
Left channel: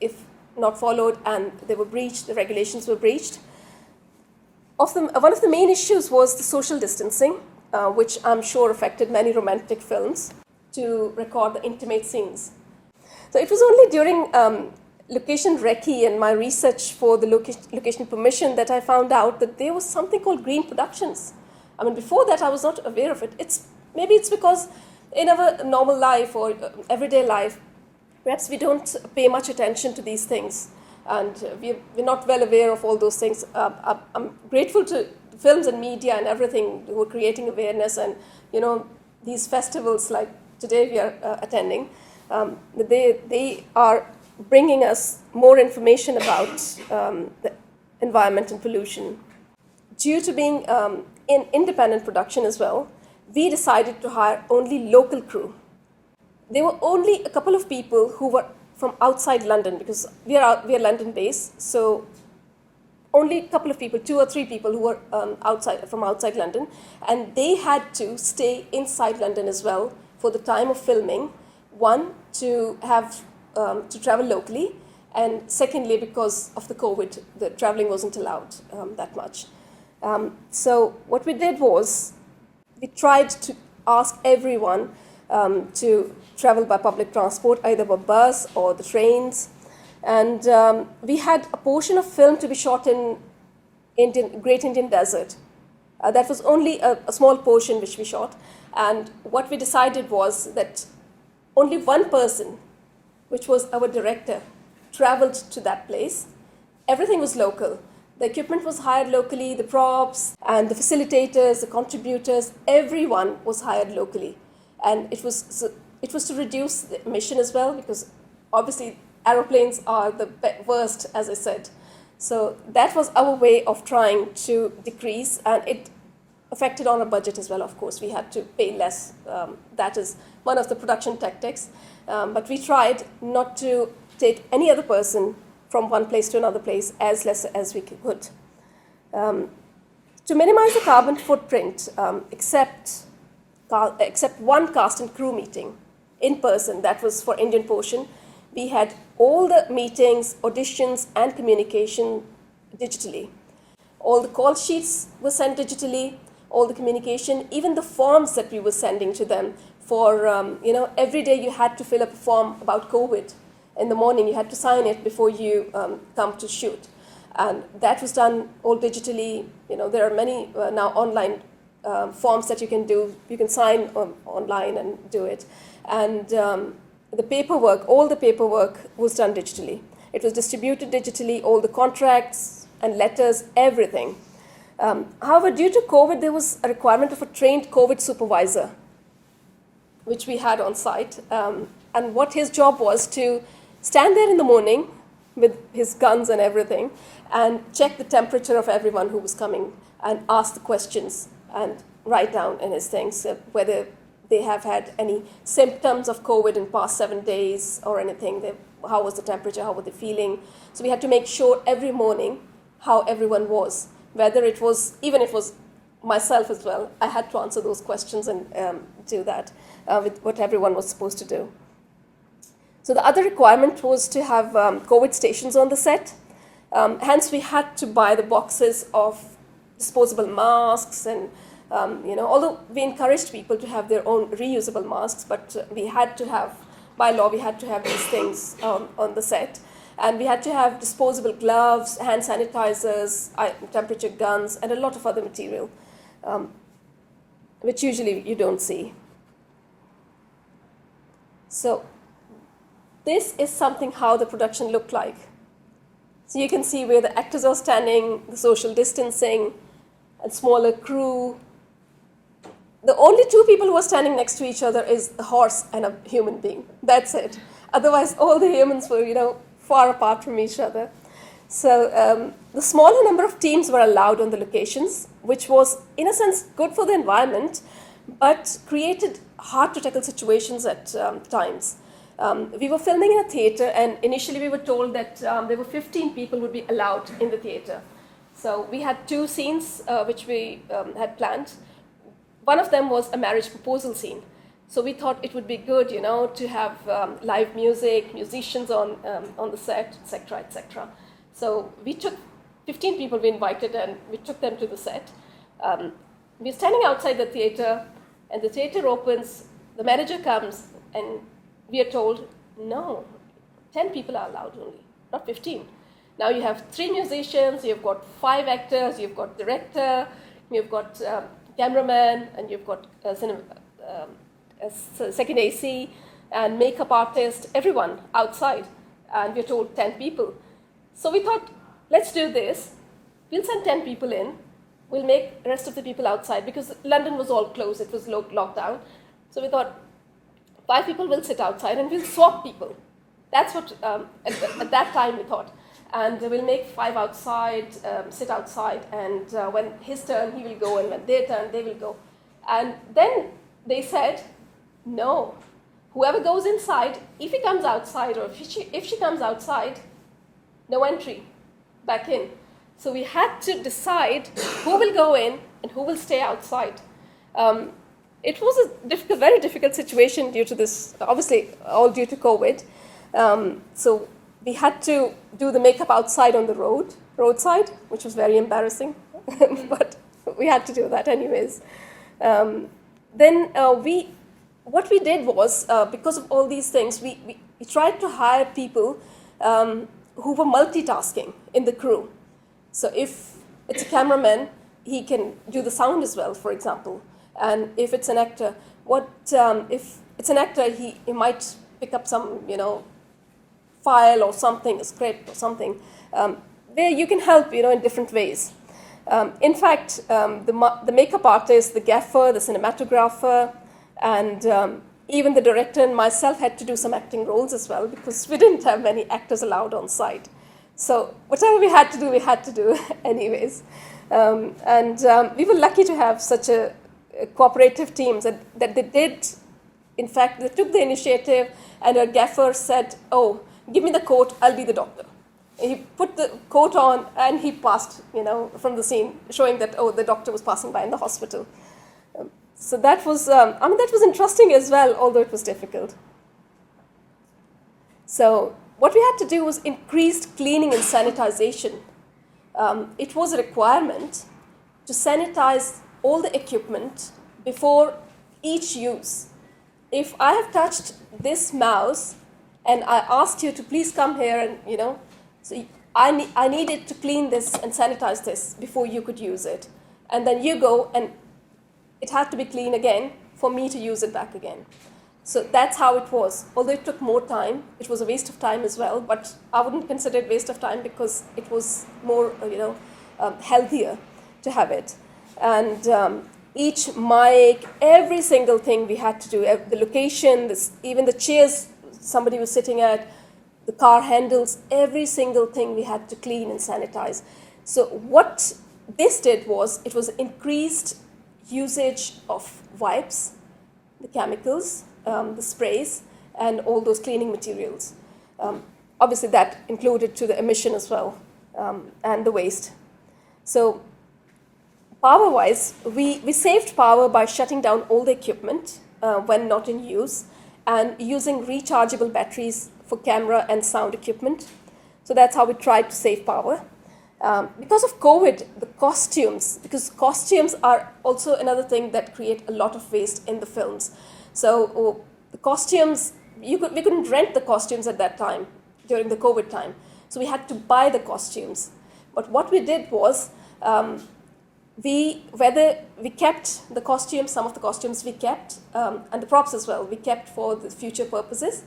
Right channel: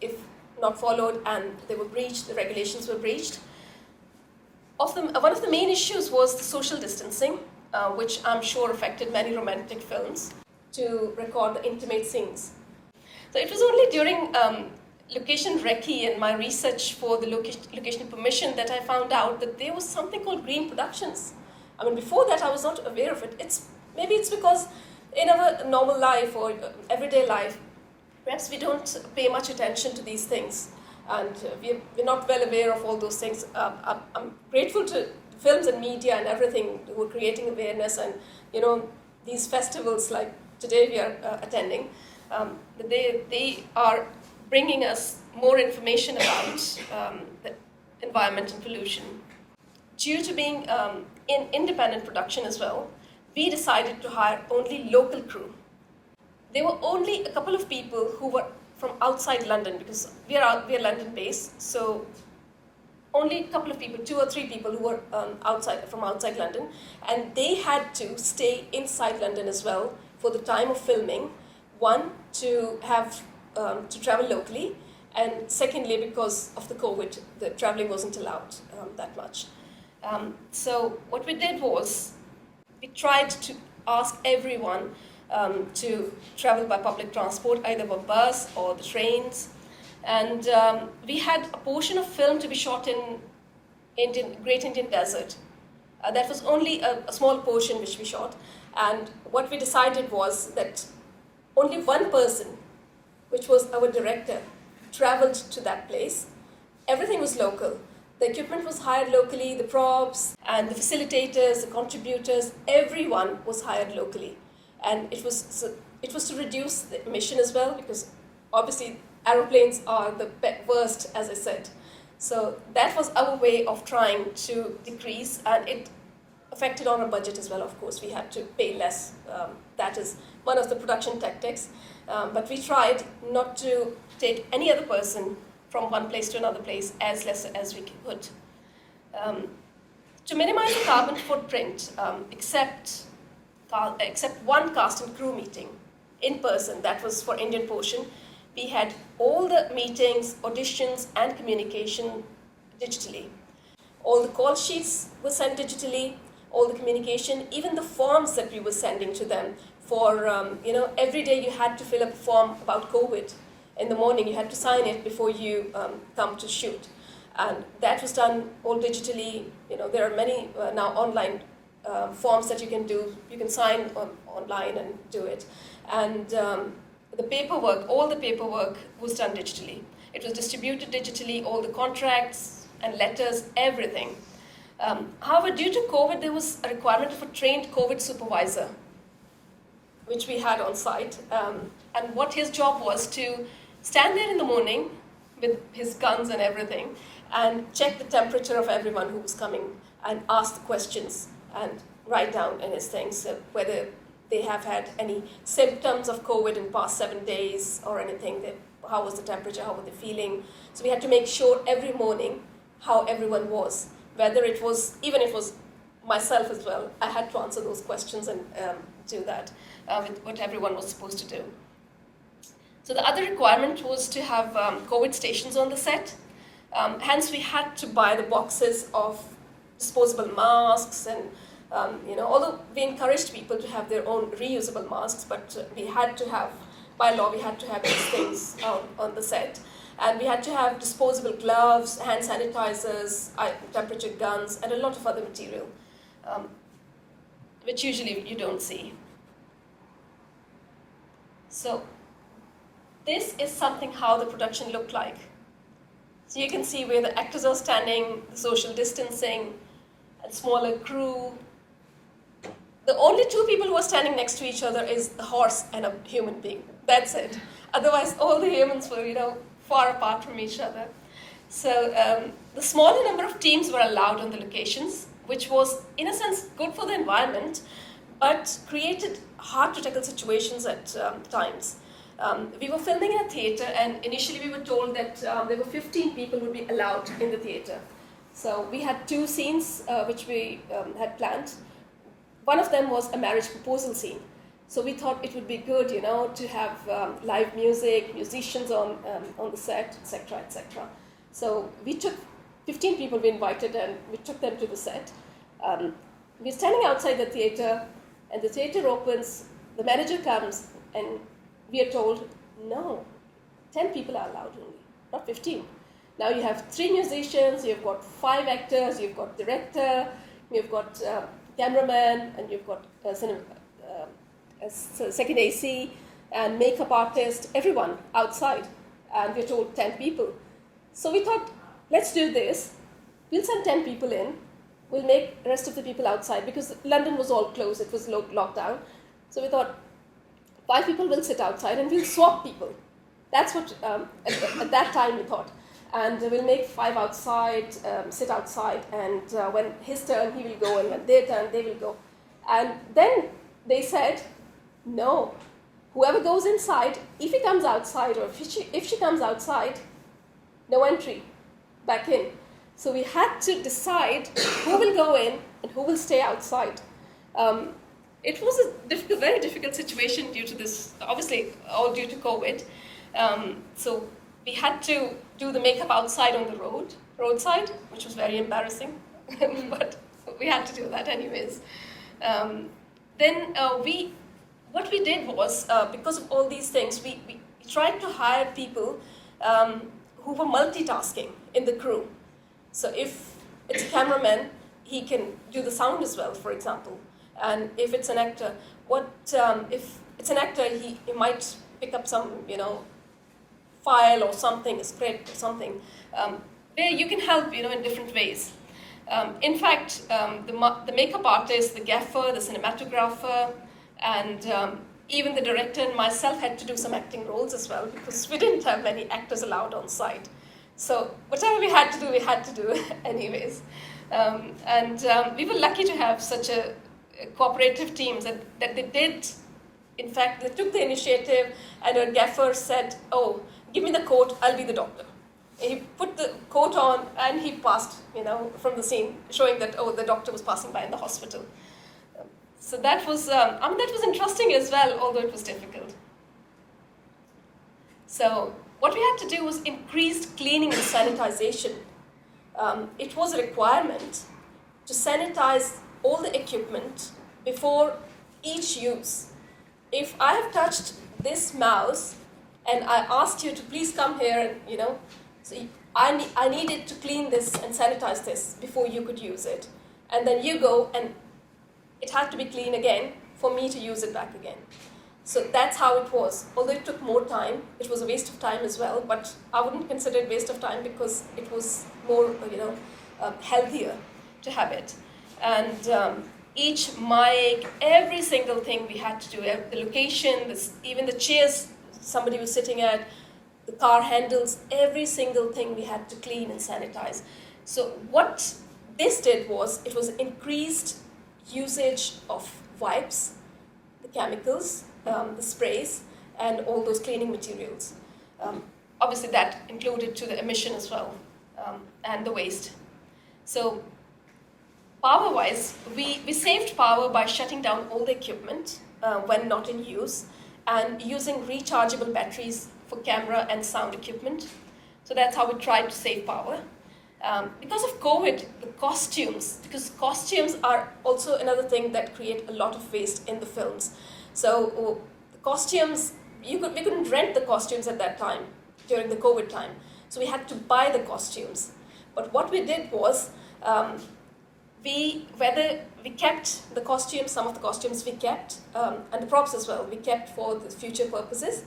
if not followed and they were breached, the regulations were breached. One of the main issues was the social distancing, which I'm sure affected many romantic films to record the intimate scenes. So it was only during location recce and my research for the location permission that I found out that there was something called green productions. I mean, before that I was not aware of it. Maybe it's because in our normal life or everyday life, perhaps we don't pay much attention to these things, and we're not well aware of all those things. I'm grateful to films and media and everything who are creating awareness, and these festivals like today we are attending, they are bringing us more information about the environment and pollution. Due to being in independent production as well, we decided to hire only local crew. There were only a couple of people who were from outside London, because we are London based, so only a couple of people, 2 or 3 people who were from outside London, and they had to stay inside London as well for the time of filming. One, to have to travel locally, and secondly, because of the COVID, the traveling wasn't allowed that much. So what we did was, we tried to ask everyone to travel by public transport, either by bus or the trains. And we had a portion of film to be shot in Great Indian Desert. That was only a small portion which we shot. And what we decided was that only one person, which was our director, traveled to that place. Everything was local. The equipment was hired locally, the props and the facilitators, the contributors, everyone was hired locally. And it was to reduce the emission as well, because obviously aeroplanes are the worst, as I said. So that was our way of trying to decrease, and it affected on our budget as well, of course. We had to pay less. That is one of the production tactics. But we tried not to take any other person from one place to another place as less as we could. To minimize the carbon footprint, except one cast and crew meeting in person, that was for Indian portion, we had all the meetings, auditions, and communication digitally. All the call sheets were sent digitally, all the communication, even the forms that we were sending to them for, every day you had to fill up a form about COVID. In the morning, you had to sign it before you come to shoot. And that was done all digitally. There are many now online forms that you can do. You can sign online and do it. And the paperwork, all the paperwork was done digitally. It was distributed digitally, all the contracts and letters, everything. However, due to COVID, there was a requirement of a trained COVID supervisor, which we had on site. And what his job was to stand there in the morning with his guns and everything and check the temperature of everyone who was coming and ask the questions and write down in his things whether they have had any symptoms of COVID in past 7 days or anything. How was the temperature? How were they feeling? So we had to make sure every morning how everyone was. Whether it was, even if it was myself as well, I had to answer those questions and do that with what everyone was supposed to do. So the other requirement was to have COVID stations on the set. Hence, we had to buy the boxes of disposable masks and, although we encouraged people to have their own reusable masks, but we had to have, by law, we had to have these things on the set. And we had to have disposable gloves, hand sanitizers, temperature guns, and a lot of other material, which usually you don't see. So this is something how the production looked like. So you can see where the actors are standing, the social distancing, and smaller crew. The only two people who are standing next to each other is the horse and a human being. That's it. Otherwise, all the humans were, far apart from each other. So the smaller number of teams were allowed on the locations, which was, in a sense, good for the environment, but created hard-to-tackle situations at times. We were filming in a theater, and initially we were told that there were 15 people would be allowed in the theater. So we had 2 scenes which we had planned. One of them was a marriage proposal scene. So we thought it would be good, to have live music, musicians on the set, etc., etc. So we took 15 people we invited, and we took them to the set. We're standing outside the theater, and the theater opens, the manager comes, and we are told, no, 10 people are allowed only, not 15. Now you have 3 musicians, you've got 5 actors, you've got director, you've got cameraman, and you've got second AC, and makeup artist, everyone outside. And we're told 10 people. So we thought, let's do this. We'll send 10 people in. We'll make the rest of the people outside, because London was all closed. It was locked down. So we thought, 5 people will sit outside and we'll swap people. That's what, at that time we thought. And we'll make 5 outside, sit outside, and when his turn, he will go, and when their turn, they will go. And then they said, no, whoever goes inside, if he comes outside, or if she comes outside, no entry back in. So we had to decide who will go in and who will stay outside. It was a very difficult situation due to this, obviously all due to COVID. So we had to do the makeup outside on the roadside, which was very embarrassing, but we had to do that anyways. What we did was, because of all these things, we tried to hire people who were multitasking in the crew. So if it's a cameraman, he can do the sound as well, for example. And if it's an actor, if it's an actor, he might pick up some, file or something, a script or something, where you can help, in different ways. In fact, the makeup artist, the gaffer, the cinematographer, and even the director and myself had to do some acting roles as well, because we didn't have many actors allowed on site. So whatever we had to do anyways. We were lucky to have such a cooperative team that they did. In fact, they took the initiative, and our gaffer said, "Oh, give me the coat, I'll be the doctor." And he put the coat on, and he passed, from the scene, showing that, the doctor was passing by in the hospital. So that was, that was interesting as well, although it was difficult. So what we had to do was increased cleaning and sanitization. It was a requirement to sanitize all the equipment before each use. If I have touched this mouse and I asked you to please come here and, so I needed to clean this and sanitize this before you could use it. And then you go and it had to be clean again for me to use it back again. So that's how it was. Although it took more time, it was a waste of time as well, but I wouldn't consider it waste of time because it was more, healthier to have it. And each mic, every single thing we had to do, the location, even the chairs somebody was sitting at, the car handles, every single thing we had to clean and sanitize. So what this did was, it was increased usage of wipes, the chemicals, the sprays, and all those cleaning materials. Obviously that included to the emission as well, and the waste. So power-wise, we saved power by shutting down all the equipment when not in use, and using rechargeable batteries for camera and sound equipment. So that's how we tried to save power. Because of COVID, because costumes are also another thing that create a lot of waste in the films. So the costumes, we couldn't rent the costumes at that time, during the COVID time. So we had to buy the costumes. But what we did was, we kept the costumes, some of the costumes we kept, and the props as well, we kept for the future purposes,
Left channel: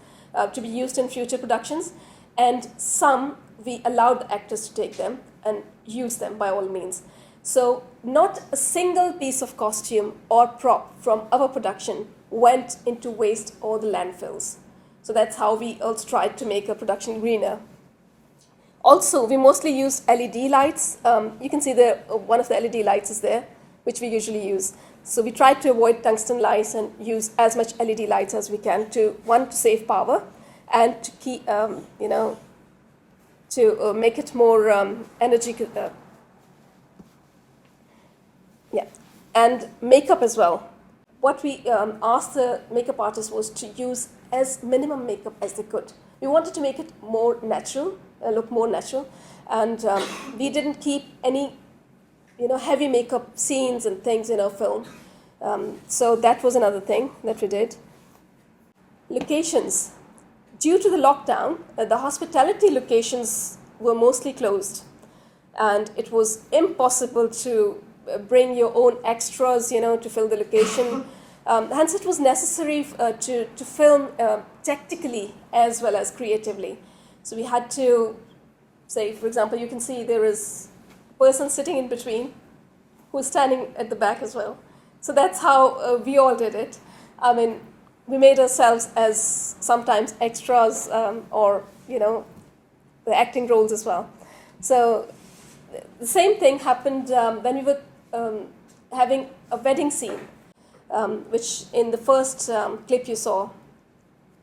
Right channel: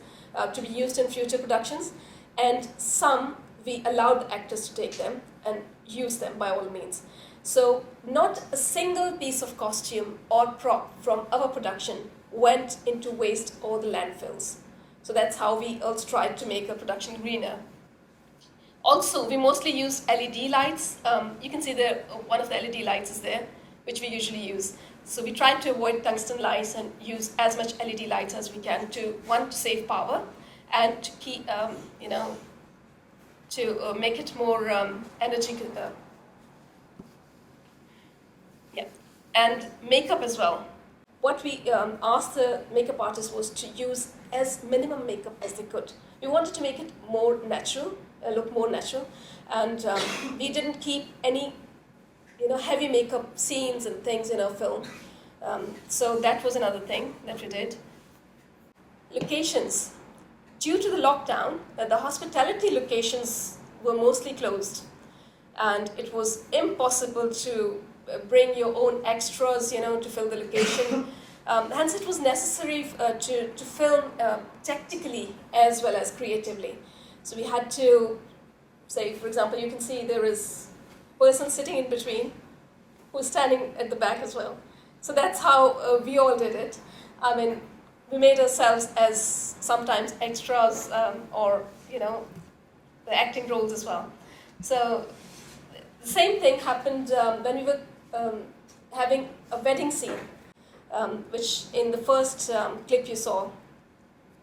to be used in future productions, and some we allowed the actors to take them and use them by all means. So not a single piece of costume or prop from our production went into waste or the landfills. So that's how we also tried to make a production greener. Also, we mostly used LED lights. You can see one of the LED lights is there, which we usually use. So we tried to avoid tungsten lights and use as much LED lights as we can to save power, and to keep, to make it more energy. And makeup as well. What we asked the makeup artists was to use as minimum makeup as they could. We wanted to make it more natural, look more natural, and we didn't keep any, heavy makeup scenes and things in our film. So that was another thing that we did. Locations. Due to the lockdown, the hospitality locations were mostly closed, and it was impossible to bring your own extras, to fill the location. Hence, it was necessary to film tactically as well as creatively. So we had to say, for example, you can see there is a person sitting in between who's standing at the back as well. So that's how we all did it. I mean, we made ourselves as sometimes extras or, the acting roles as well. So the same thing happened when we were having a wedding scene, which in the first clip you saw,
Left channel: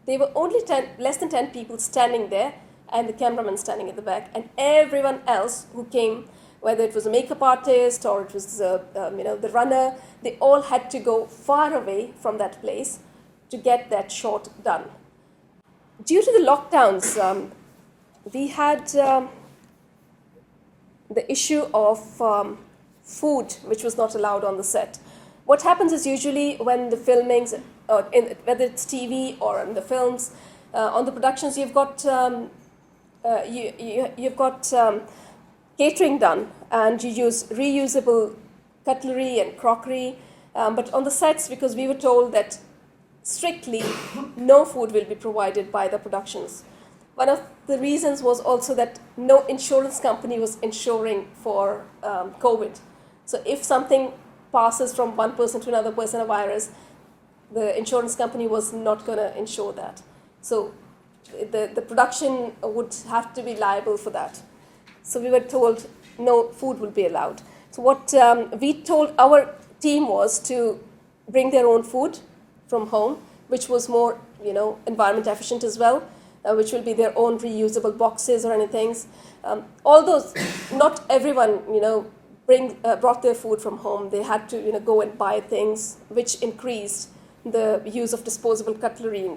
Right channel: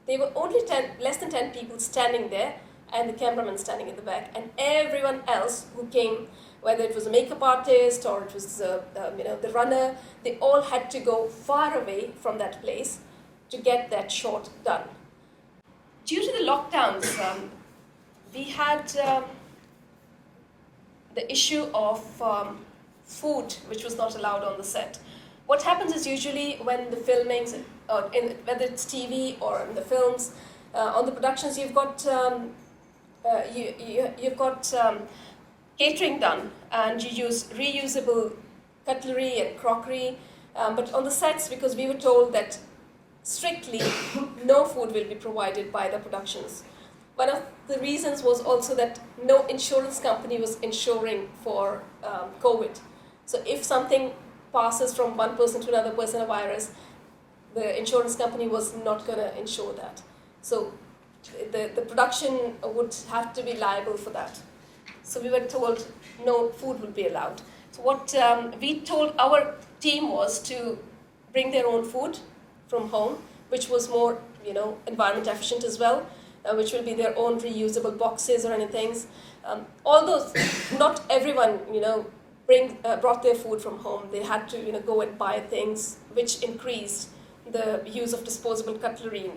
there were only less than 10 people standing there, and the cameraman standing at the back, and everyone else who came, whether it was a makeup artist or it was the runner, they all had to go far away from that place to get that shot done. Due to the lockdowns, we had the issue of food, which was not allowed on the set. What happens is usually when the filmings, whether it's TV or in the films, on the productions, you've got you've got catering done, and you use reusable cutlery and crockery. But on the sets, because we were told that strictly no food will be provided by the productions. One of the reasons was also that no insurance company was insuring for COVID. So if something passes from one person to another person, a virus, the insurance company was not going to insure that. So the production would have to be liable for that. So we were told no food will be allowed. So what we told our team was to bring their own food from home, which was more, environment efficient as well, which will be their own reusable boxes or anything. Although not everyone, brought their food from home. They had to, go and buy things, which increased the use of disposable cutlery,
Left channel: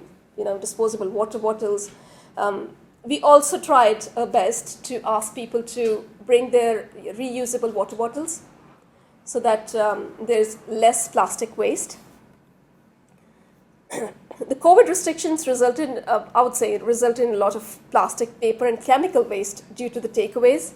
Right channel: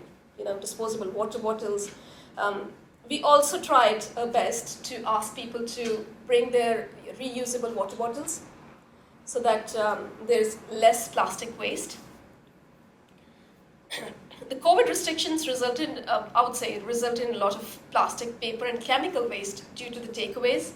disposable water bottles. We also tried our best to ask people to bring their reusable water bottles so that there's less plastic waste. The COVID restrictions resulted in a lot of plastic, paper, and chemical waste due to the takeaways,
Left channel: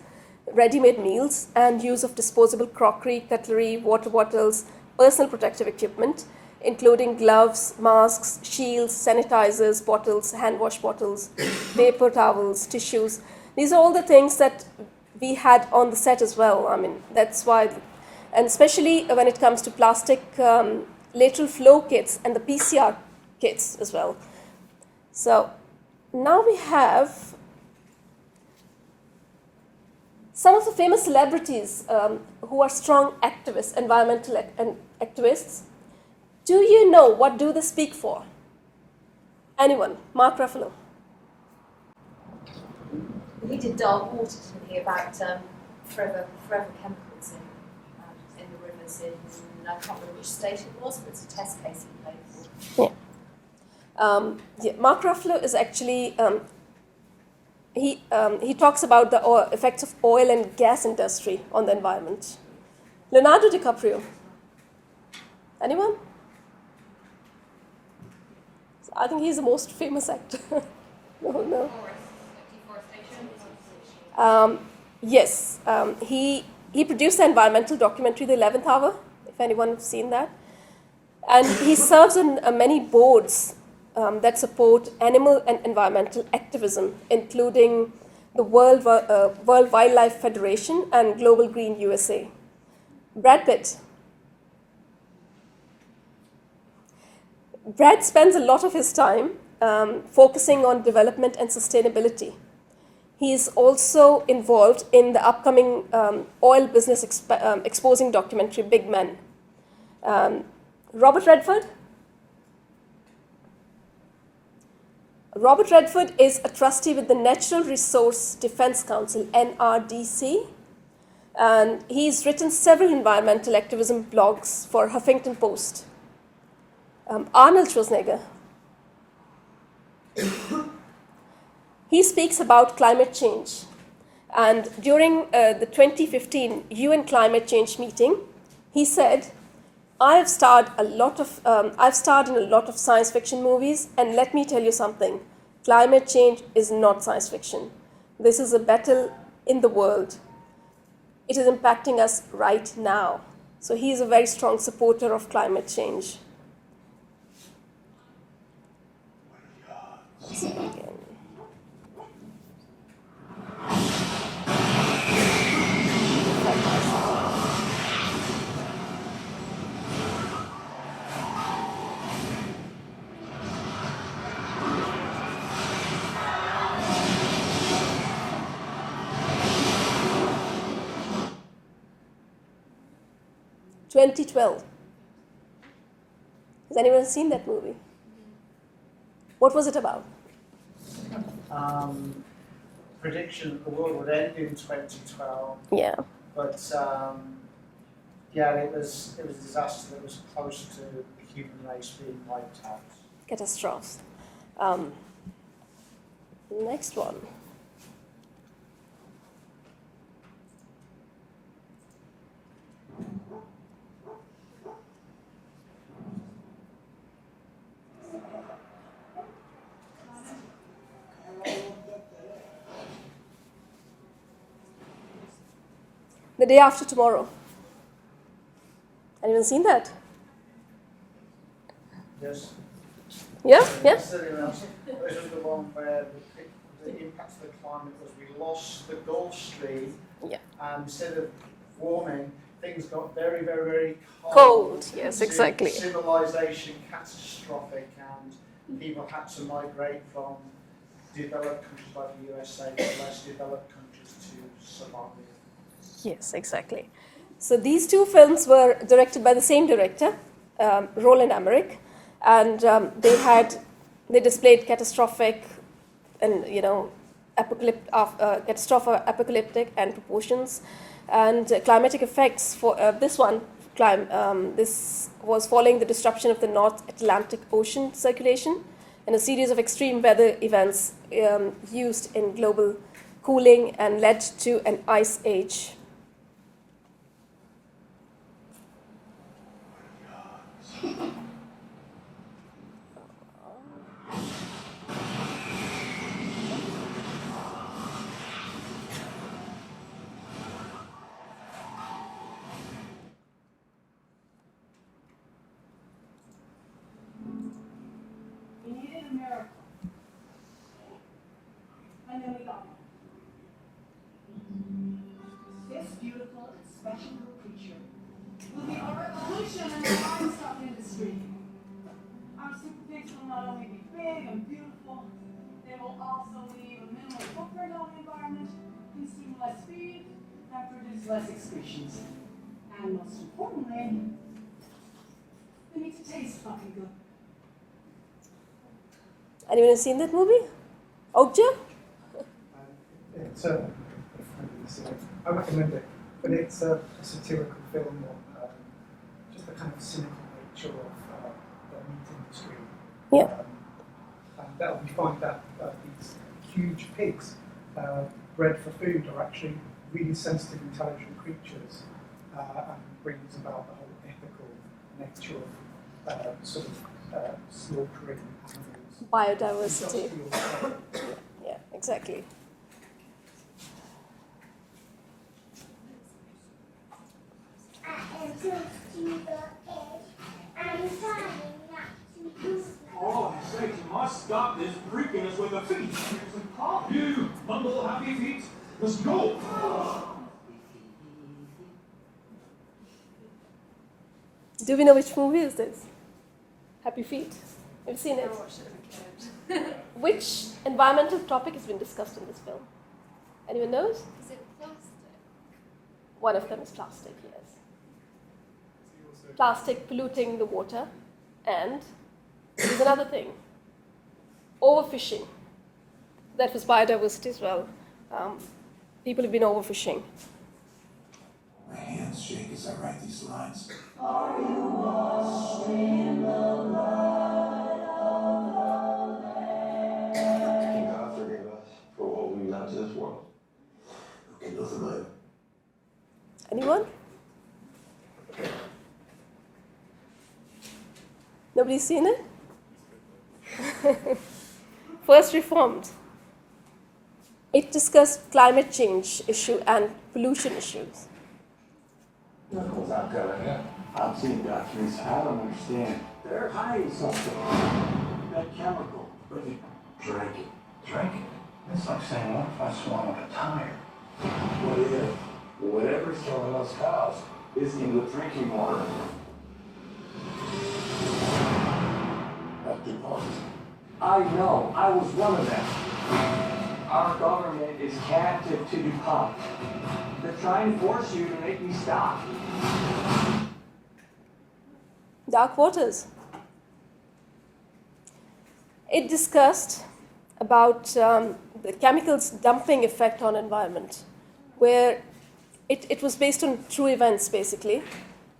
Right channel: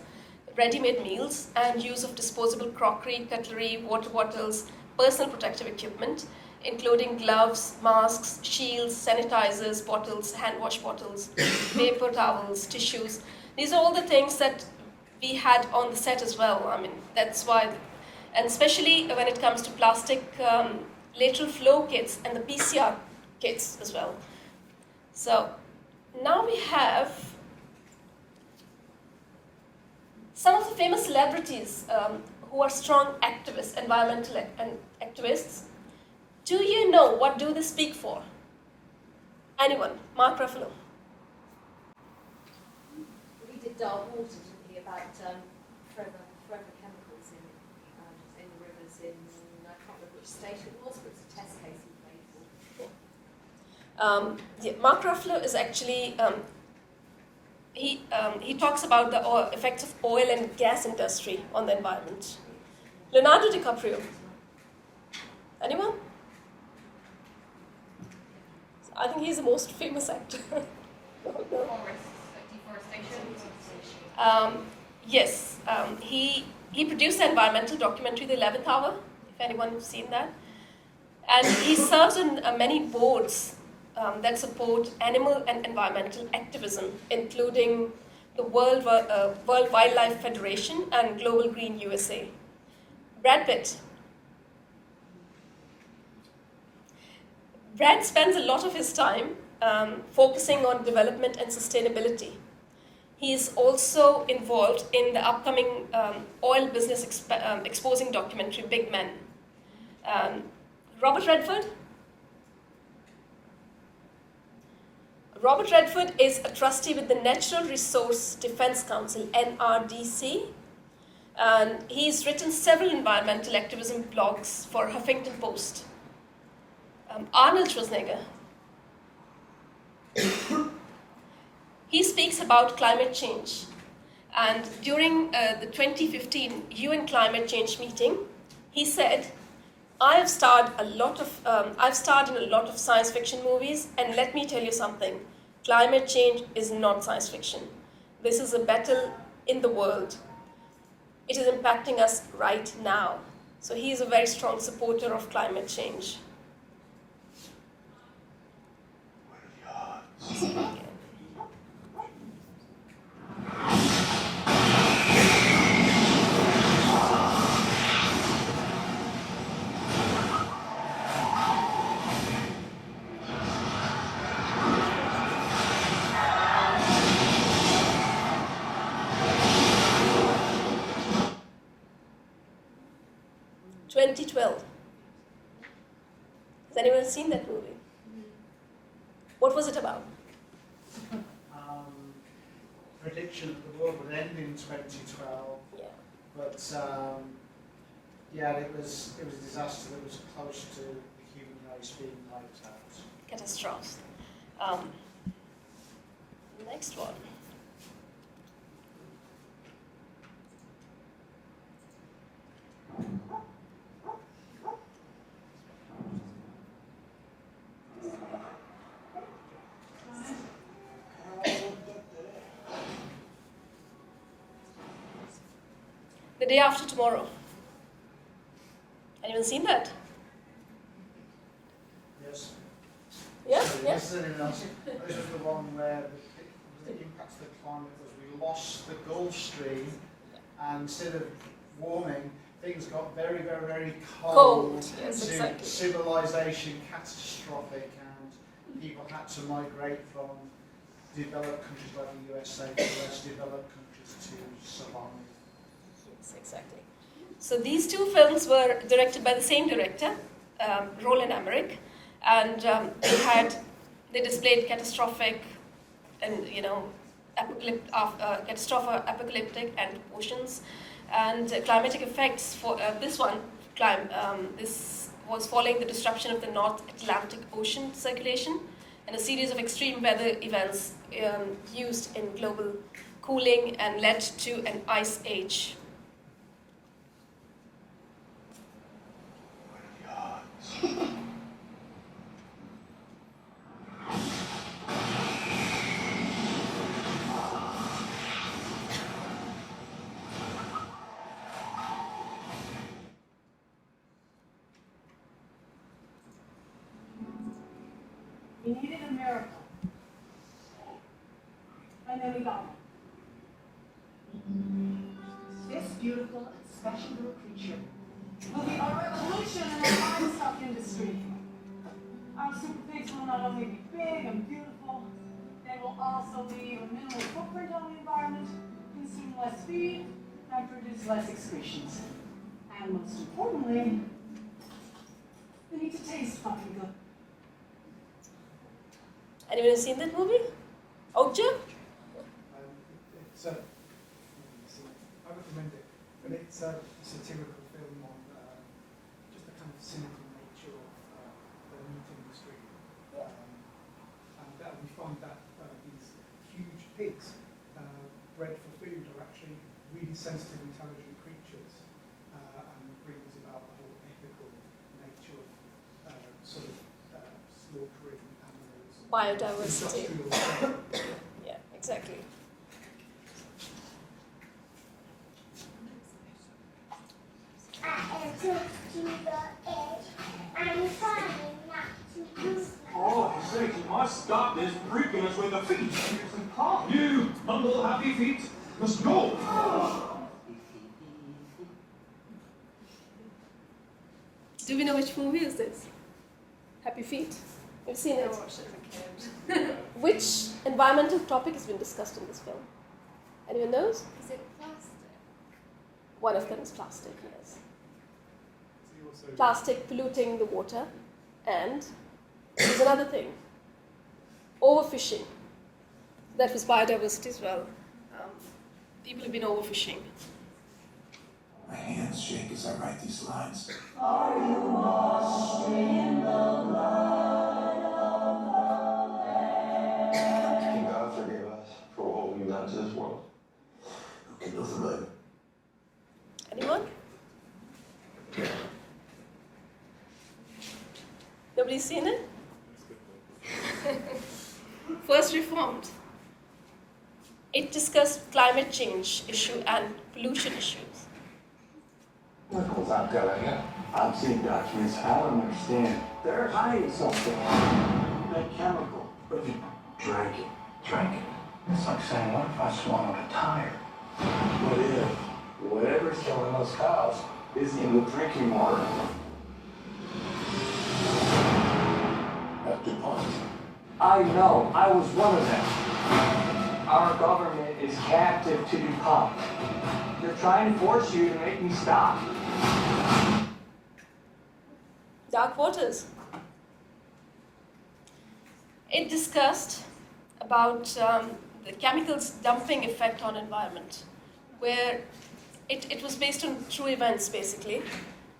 ready-made meals, and use of disposable crockery, cutlery, water bottles, personal protective equipment, including gloves, masks, shields, sanitizers, bottles, hand wash bottles, paper towels, tissues. These are all the things that we had on the set as well. I mean, that's why, and especially when it comes to plastic lateral flow kits and the PCR kits as well. So now we have some of the famous celebrities who are strong activists, environmental activists. Do you know what do they speak for? Anyone? Mark Ruffalo. We did Dark Water, didn't we, about forever chemicals in the rivers I can't remember which state it was, but it's a test case he played for. Yeah. Mark Ruffalo is actually, he talks about the effects of oil and gas industry on the environment. Leonardo DiCaprio. Anyone? I think he's the most famous actor. No. Yes, he produced the environmental documentary The 11th Hour, if anyone has seen that. And he serves on many boards that support animal and environmental activism, including the World Wildlife Federation and Global Green USA. Brad Pitt. Brad spends a lot of his time focusing on development and sustainability. He is also involved in the upcoming oil business exposing documentary, Big Men. Robert Redford. Robert Redford is a trustee with the Natural Resource Defense Council, NRDC, and he's written several environmental activism blogs for Huffington Post. Arnold Schwarzenegger. He speaks about climate change, and during the 2015 UN climate change meeting, he said, I've starred in a lot of science fiction movies, and let me tell you something, climate change is not science fiction. This is a battle in the world. It is impacting us right now. So he is a very strong supporter of climate change. (2012). Has anyone seen that movie? What was it about? Prediction that the world would end in 2012. Yeah. But it was a disaster that was close to the human race being wiped out. Catastrophe. Next one. The Day After Tomorrow. Anyone seen that? Yes. Yeah? This is the one where the impact of the climate was we lost the Gulf Stream, and instead of warming, things got very, very, very cold. Yes, exactly. Civilization catastrophic, and people had to migrate from developed countries like the USA to less developed countries to survive. Yes, exactly. So these two films were directed by the same director, Roland Emmerick, and they displayed catastrophic and apocalyptic and proportions and climatic effects. For this one, this was following the disruption of the North Atlantic Ocean circulation and a series of extreme weather events used in global cooling and led to an ice age. We needed a miracle. And then we got it. This beautiful and special little creature will be our revolution in the livestock industry. Our super pigs will not only be big and beautiful, they will also leave a minimal footprint on the environment, consume less feed, and produce less excretions. And most importantly, they need to taste fucking good. Anyone seen that movie? Okja? It's I recommend it, but it's a satirical film on just the kind of cynical nature of the meat industry. Yeah. And we find that these huge pigs bred for food are actually really sensitive, intelligent creatures, and brings about the whole ethical nature of slaughtering animals. Biodiversity. Industrial. Yeah, exactly. I am close to the edge. I'm trying not to lose my Oh, I say, you must stop this freakiness with the feet. Seriously, calm. You bundle happy feet. Let's go. Do we know which movie is this? Happy Feet. Have you seen it? I watched it as a kid. Which environmental topic has been discussed in this film? Anyone knows? Is it plastic? One of them is plastic, yes. Plastic polluting the water, and there's another thing, overfishing. That was biodiversity as well. People have been overfishing. My hands shake as I write these lines. Are you lost in the light of the land? God forgave us for what we've done to this world. Who can know the moon? Anyone? Nobody's seen it? First Reformed. It discussed climate change issue and pollution issues. What's out there? I've seen documents. I don't understand. They're hiding something. That chemical. But you drank it. Drank it? It's like saying, what if I swallowed a tire? What if whatever's killing those cows is in the drinking water? At DuPont. I know. I was one of them. Our government is captive to DuPont. They're trying to force you to make me stop. Dark Waters. It discussed about the chemicals dumping effect on environment, where it was based on true events basically,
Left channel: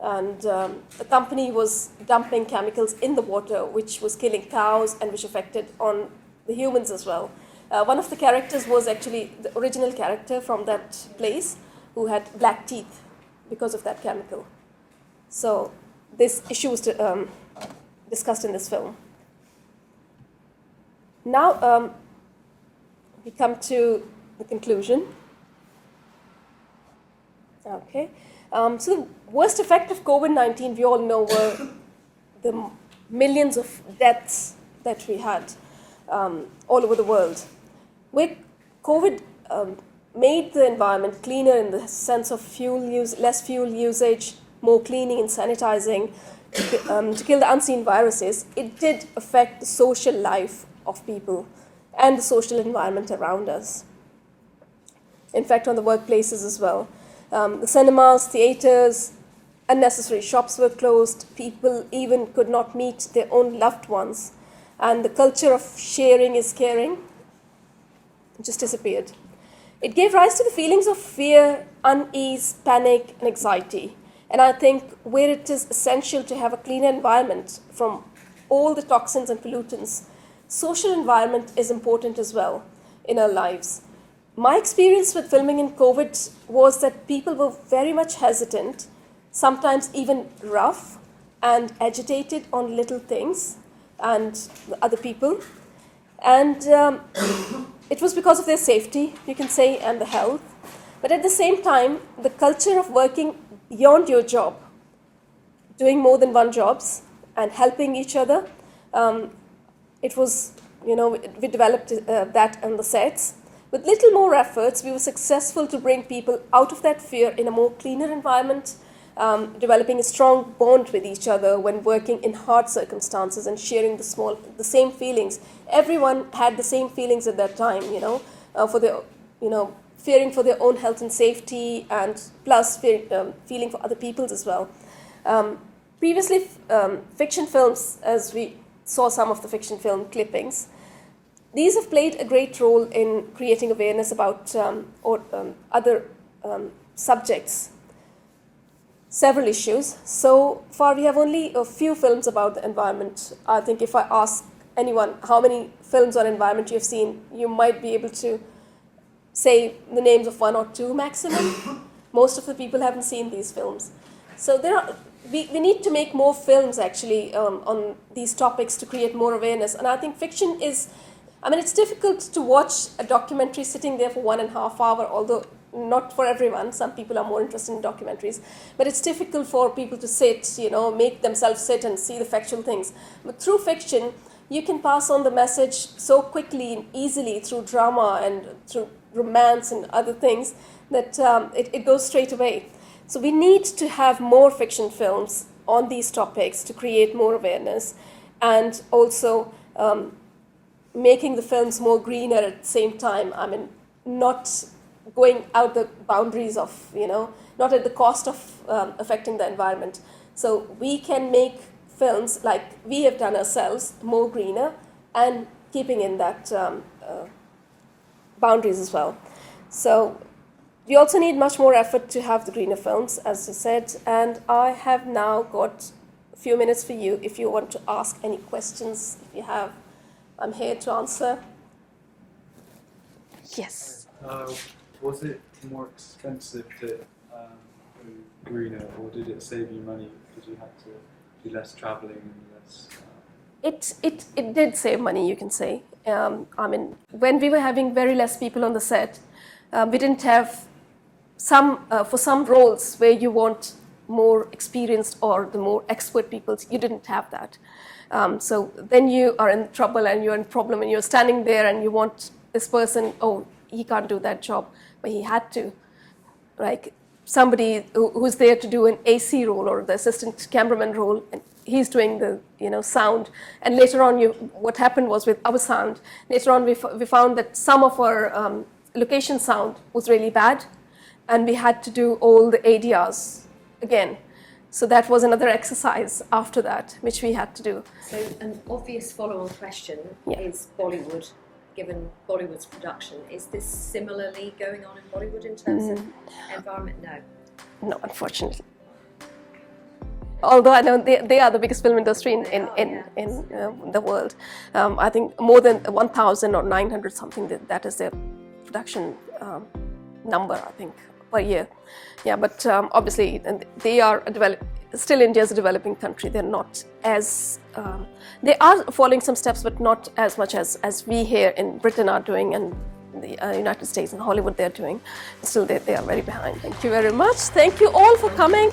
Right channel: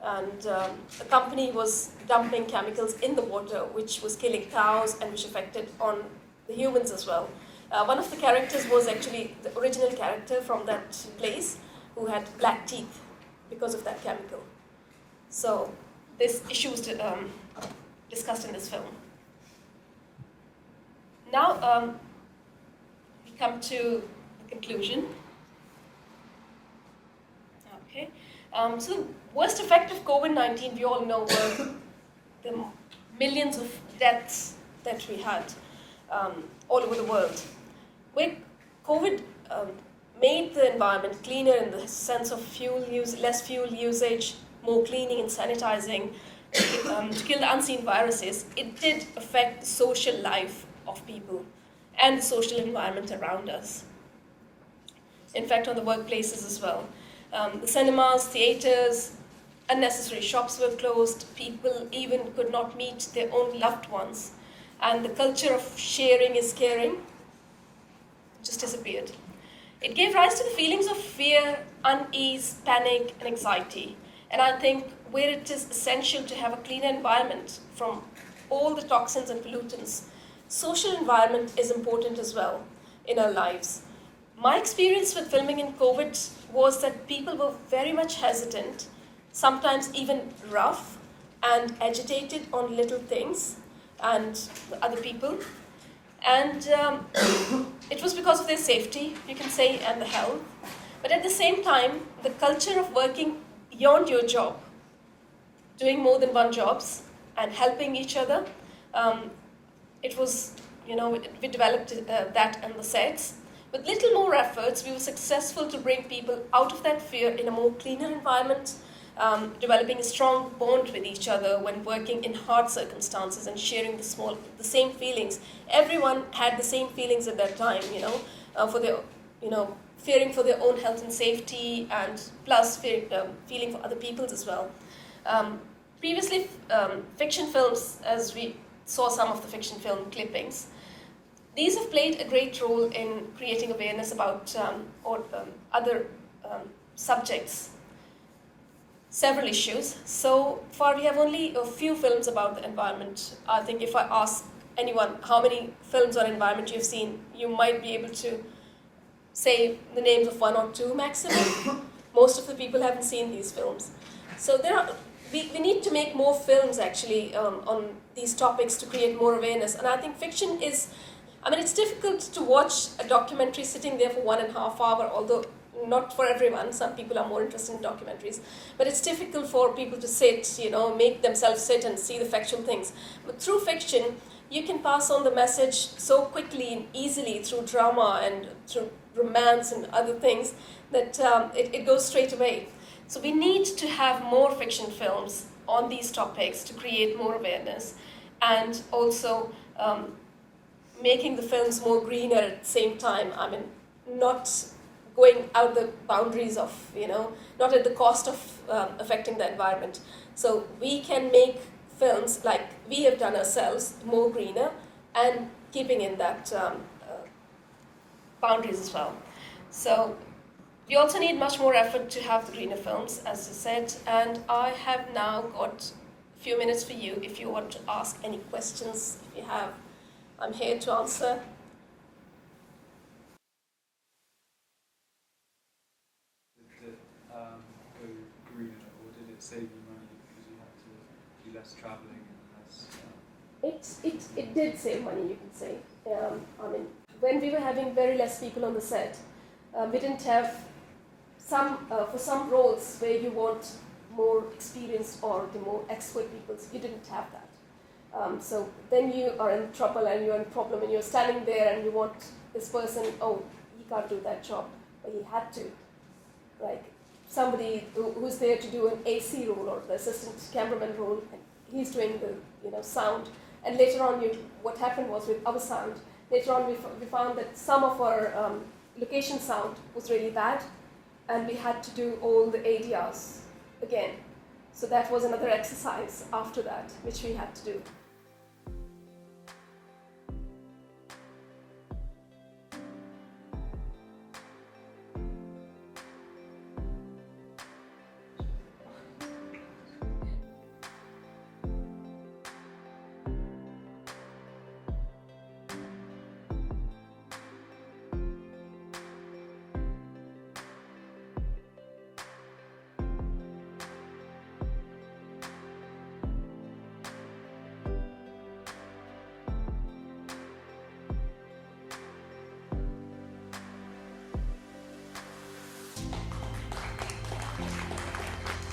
and the company was dumping chemicals in the water, which was killing cows and which affected on the humans as well. One of the characters was actually the original character from that place who had black teeth because of that chemical. So this issue was discussed in this film. Now we come to the conclusion. Okay. So the worst effect of COVID-19, we all know, were the millions of deaths that we had all over the world. Where COVID made the environment cleaner in the sense of less fuel usage, more cleaning and sanitizing, to kill the unseen viruses, it did affect the social life of people and the social environment around us. in fact on the workplaces as well. The cinemas, theatres, unnecessary shops were closed, people even could not meet their own loved ones, and the culture of sharing is caring just disappeared. It gave rise to the feelings of fear, unease, panic, and anxiety. And I think where it is essential to have a cleaner environment from all the toxins and pollutants, social environment is important as well in our lives. My experience with filming in COVID was that people were very much hesitant, sometimes even rough and agitated on little things and other people. And it was because of their safety, you can say, and the health. But at the same time, the culture of working beyond your job, doing more than one jobs and helping each other, it was, we developed that on the sets. With little more efforts, we were successful to bring people out of that fear in a more cleaner environment, developing a strong bond with each other when working in hard circumstances and sharing the same feelings. Everyone had the same feelings at that time, for their, fearing for their own health and safety, and plus feeling for other people's as well. Previously, fiction films, as we saw some of the fiction film clippings, these have played a great role in creating awareness about other subjects, several issues. So far, we have only a few films about the environment. I think if I ask anyone how many films on environment you've seen, you might be able to say the names of one or two maximum. Most of the people haven't seen these films. So we need to make more films actually on these topics to create more awareness. And I think fiction is, it's difficult to watch a documentary sitting there for 1.5 hours, although not for everyone. Some people are more interested in documentaries. But it's difficult for people to sit, make themselves sit and see the factual things. But through fiction, you can pass on the message so quickly and easily through drama and through romance and other things that it goes straight away. So we need to have more fiction films on these topics to create more awareness, and also making the films more greener at the same time. Not going out the boundaries of, not at the cost of affecting the environment. So we can make films like we have done ourselves more greener and keeping in that boundaries as well. So we also need much more effort to have the greener films, as I said, and I have now got a few minutes for you if you want to ask any questions. If you have, I'm here to answer. Yes. Was it more expensive to go greener, or did it save you money because you had to do less travelling and less? It did save money, you can say. When we were having very less people on the set, we didn't have for some roles where you want more experienced or the more expert people, you didn't have that. So then you are in trouble and you're in problem and you're standing there and you want this person, he can't do that job, but he had to. Like somebody who's there to do an AC role or the assistant cameraman role, and he's doing the sound. And later on, what happened was with our sound, later on we found that some of our location sound was really bad, and we had to do all the ADRs again. So that was another exercise after that, which we had to do. So an obvious follow-on question is Bollywood. Given Bollywood's production, is this similarly going on in Bollywood in terms of environment? No, unfortunately. Although I know they are the biggest film industry in the world. I think more than 1,000 or 900 something, that is their production number, I think, per year. Yeah, but obviously they are still India is a developing country. They're not as, they are following some steps, but not as much as we here in Britain are doing, and the United States and Hollywood they're doing. Still they are very behind. Thank you very much. Thank you all for coming.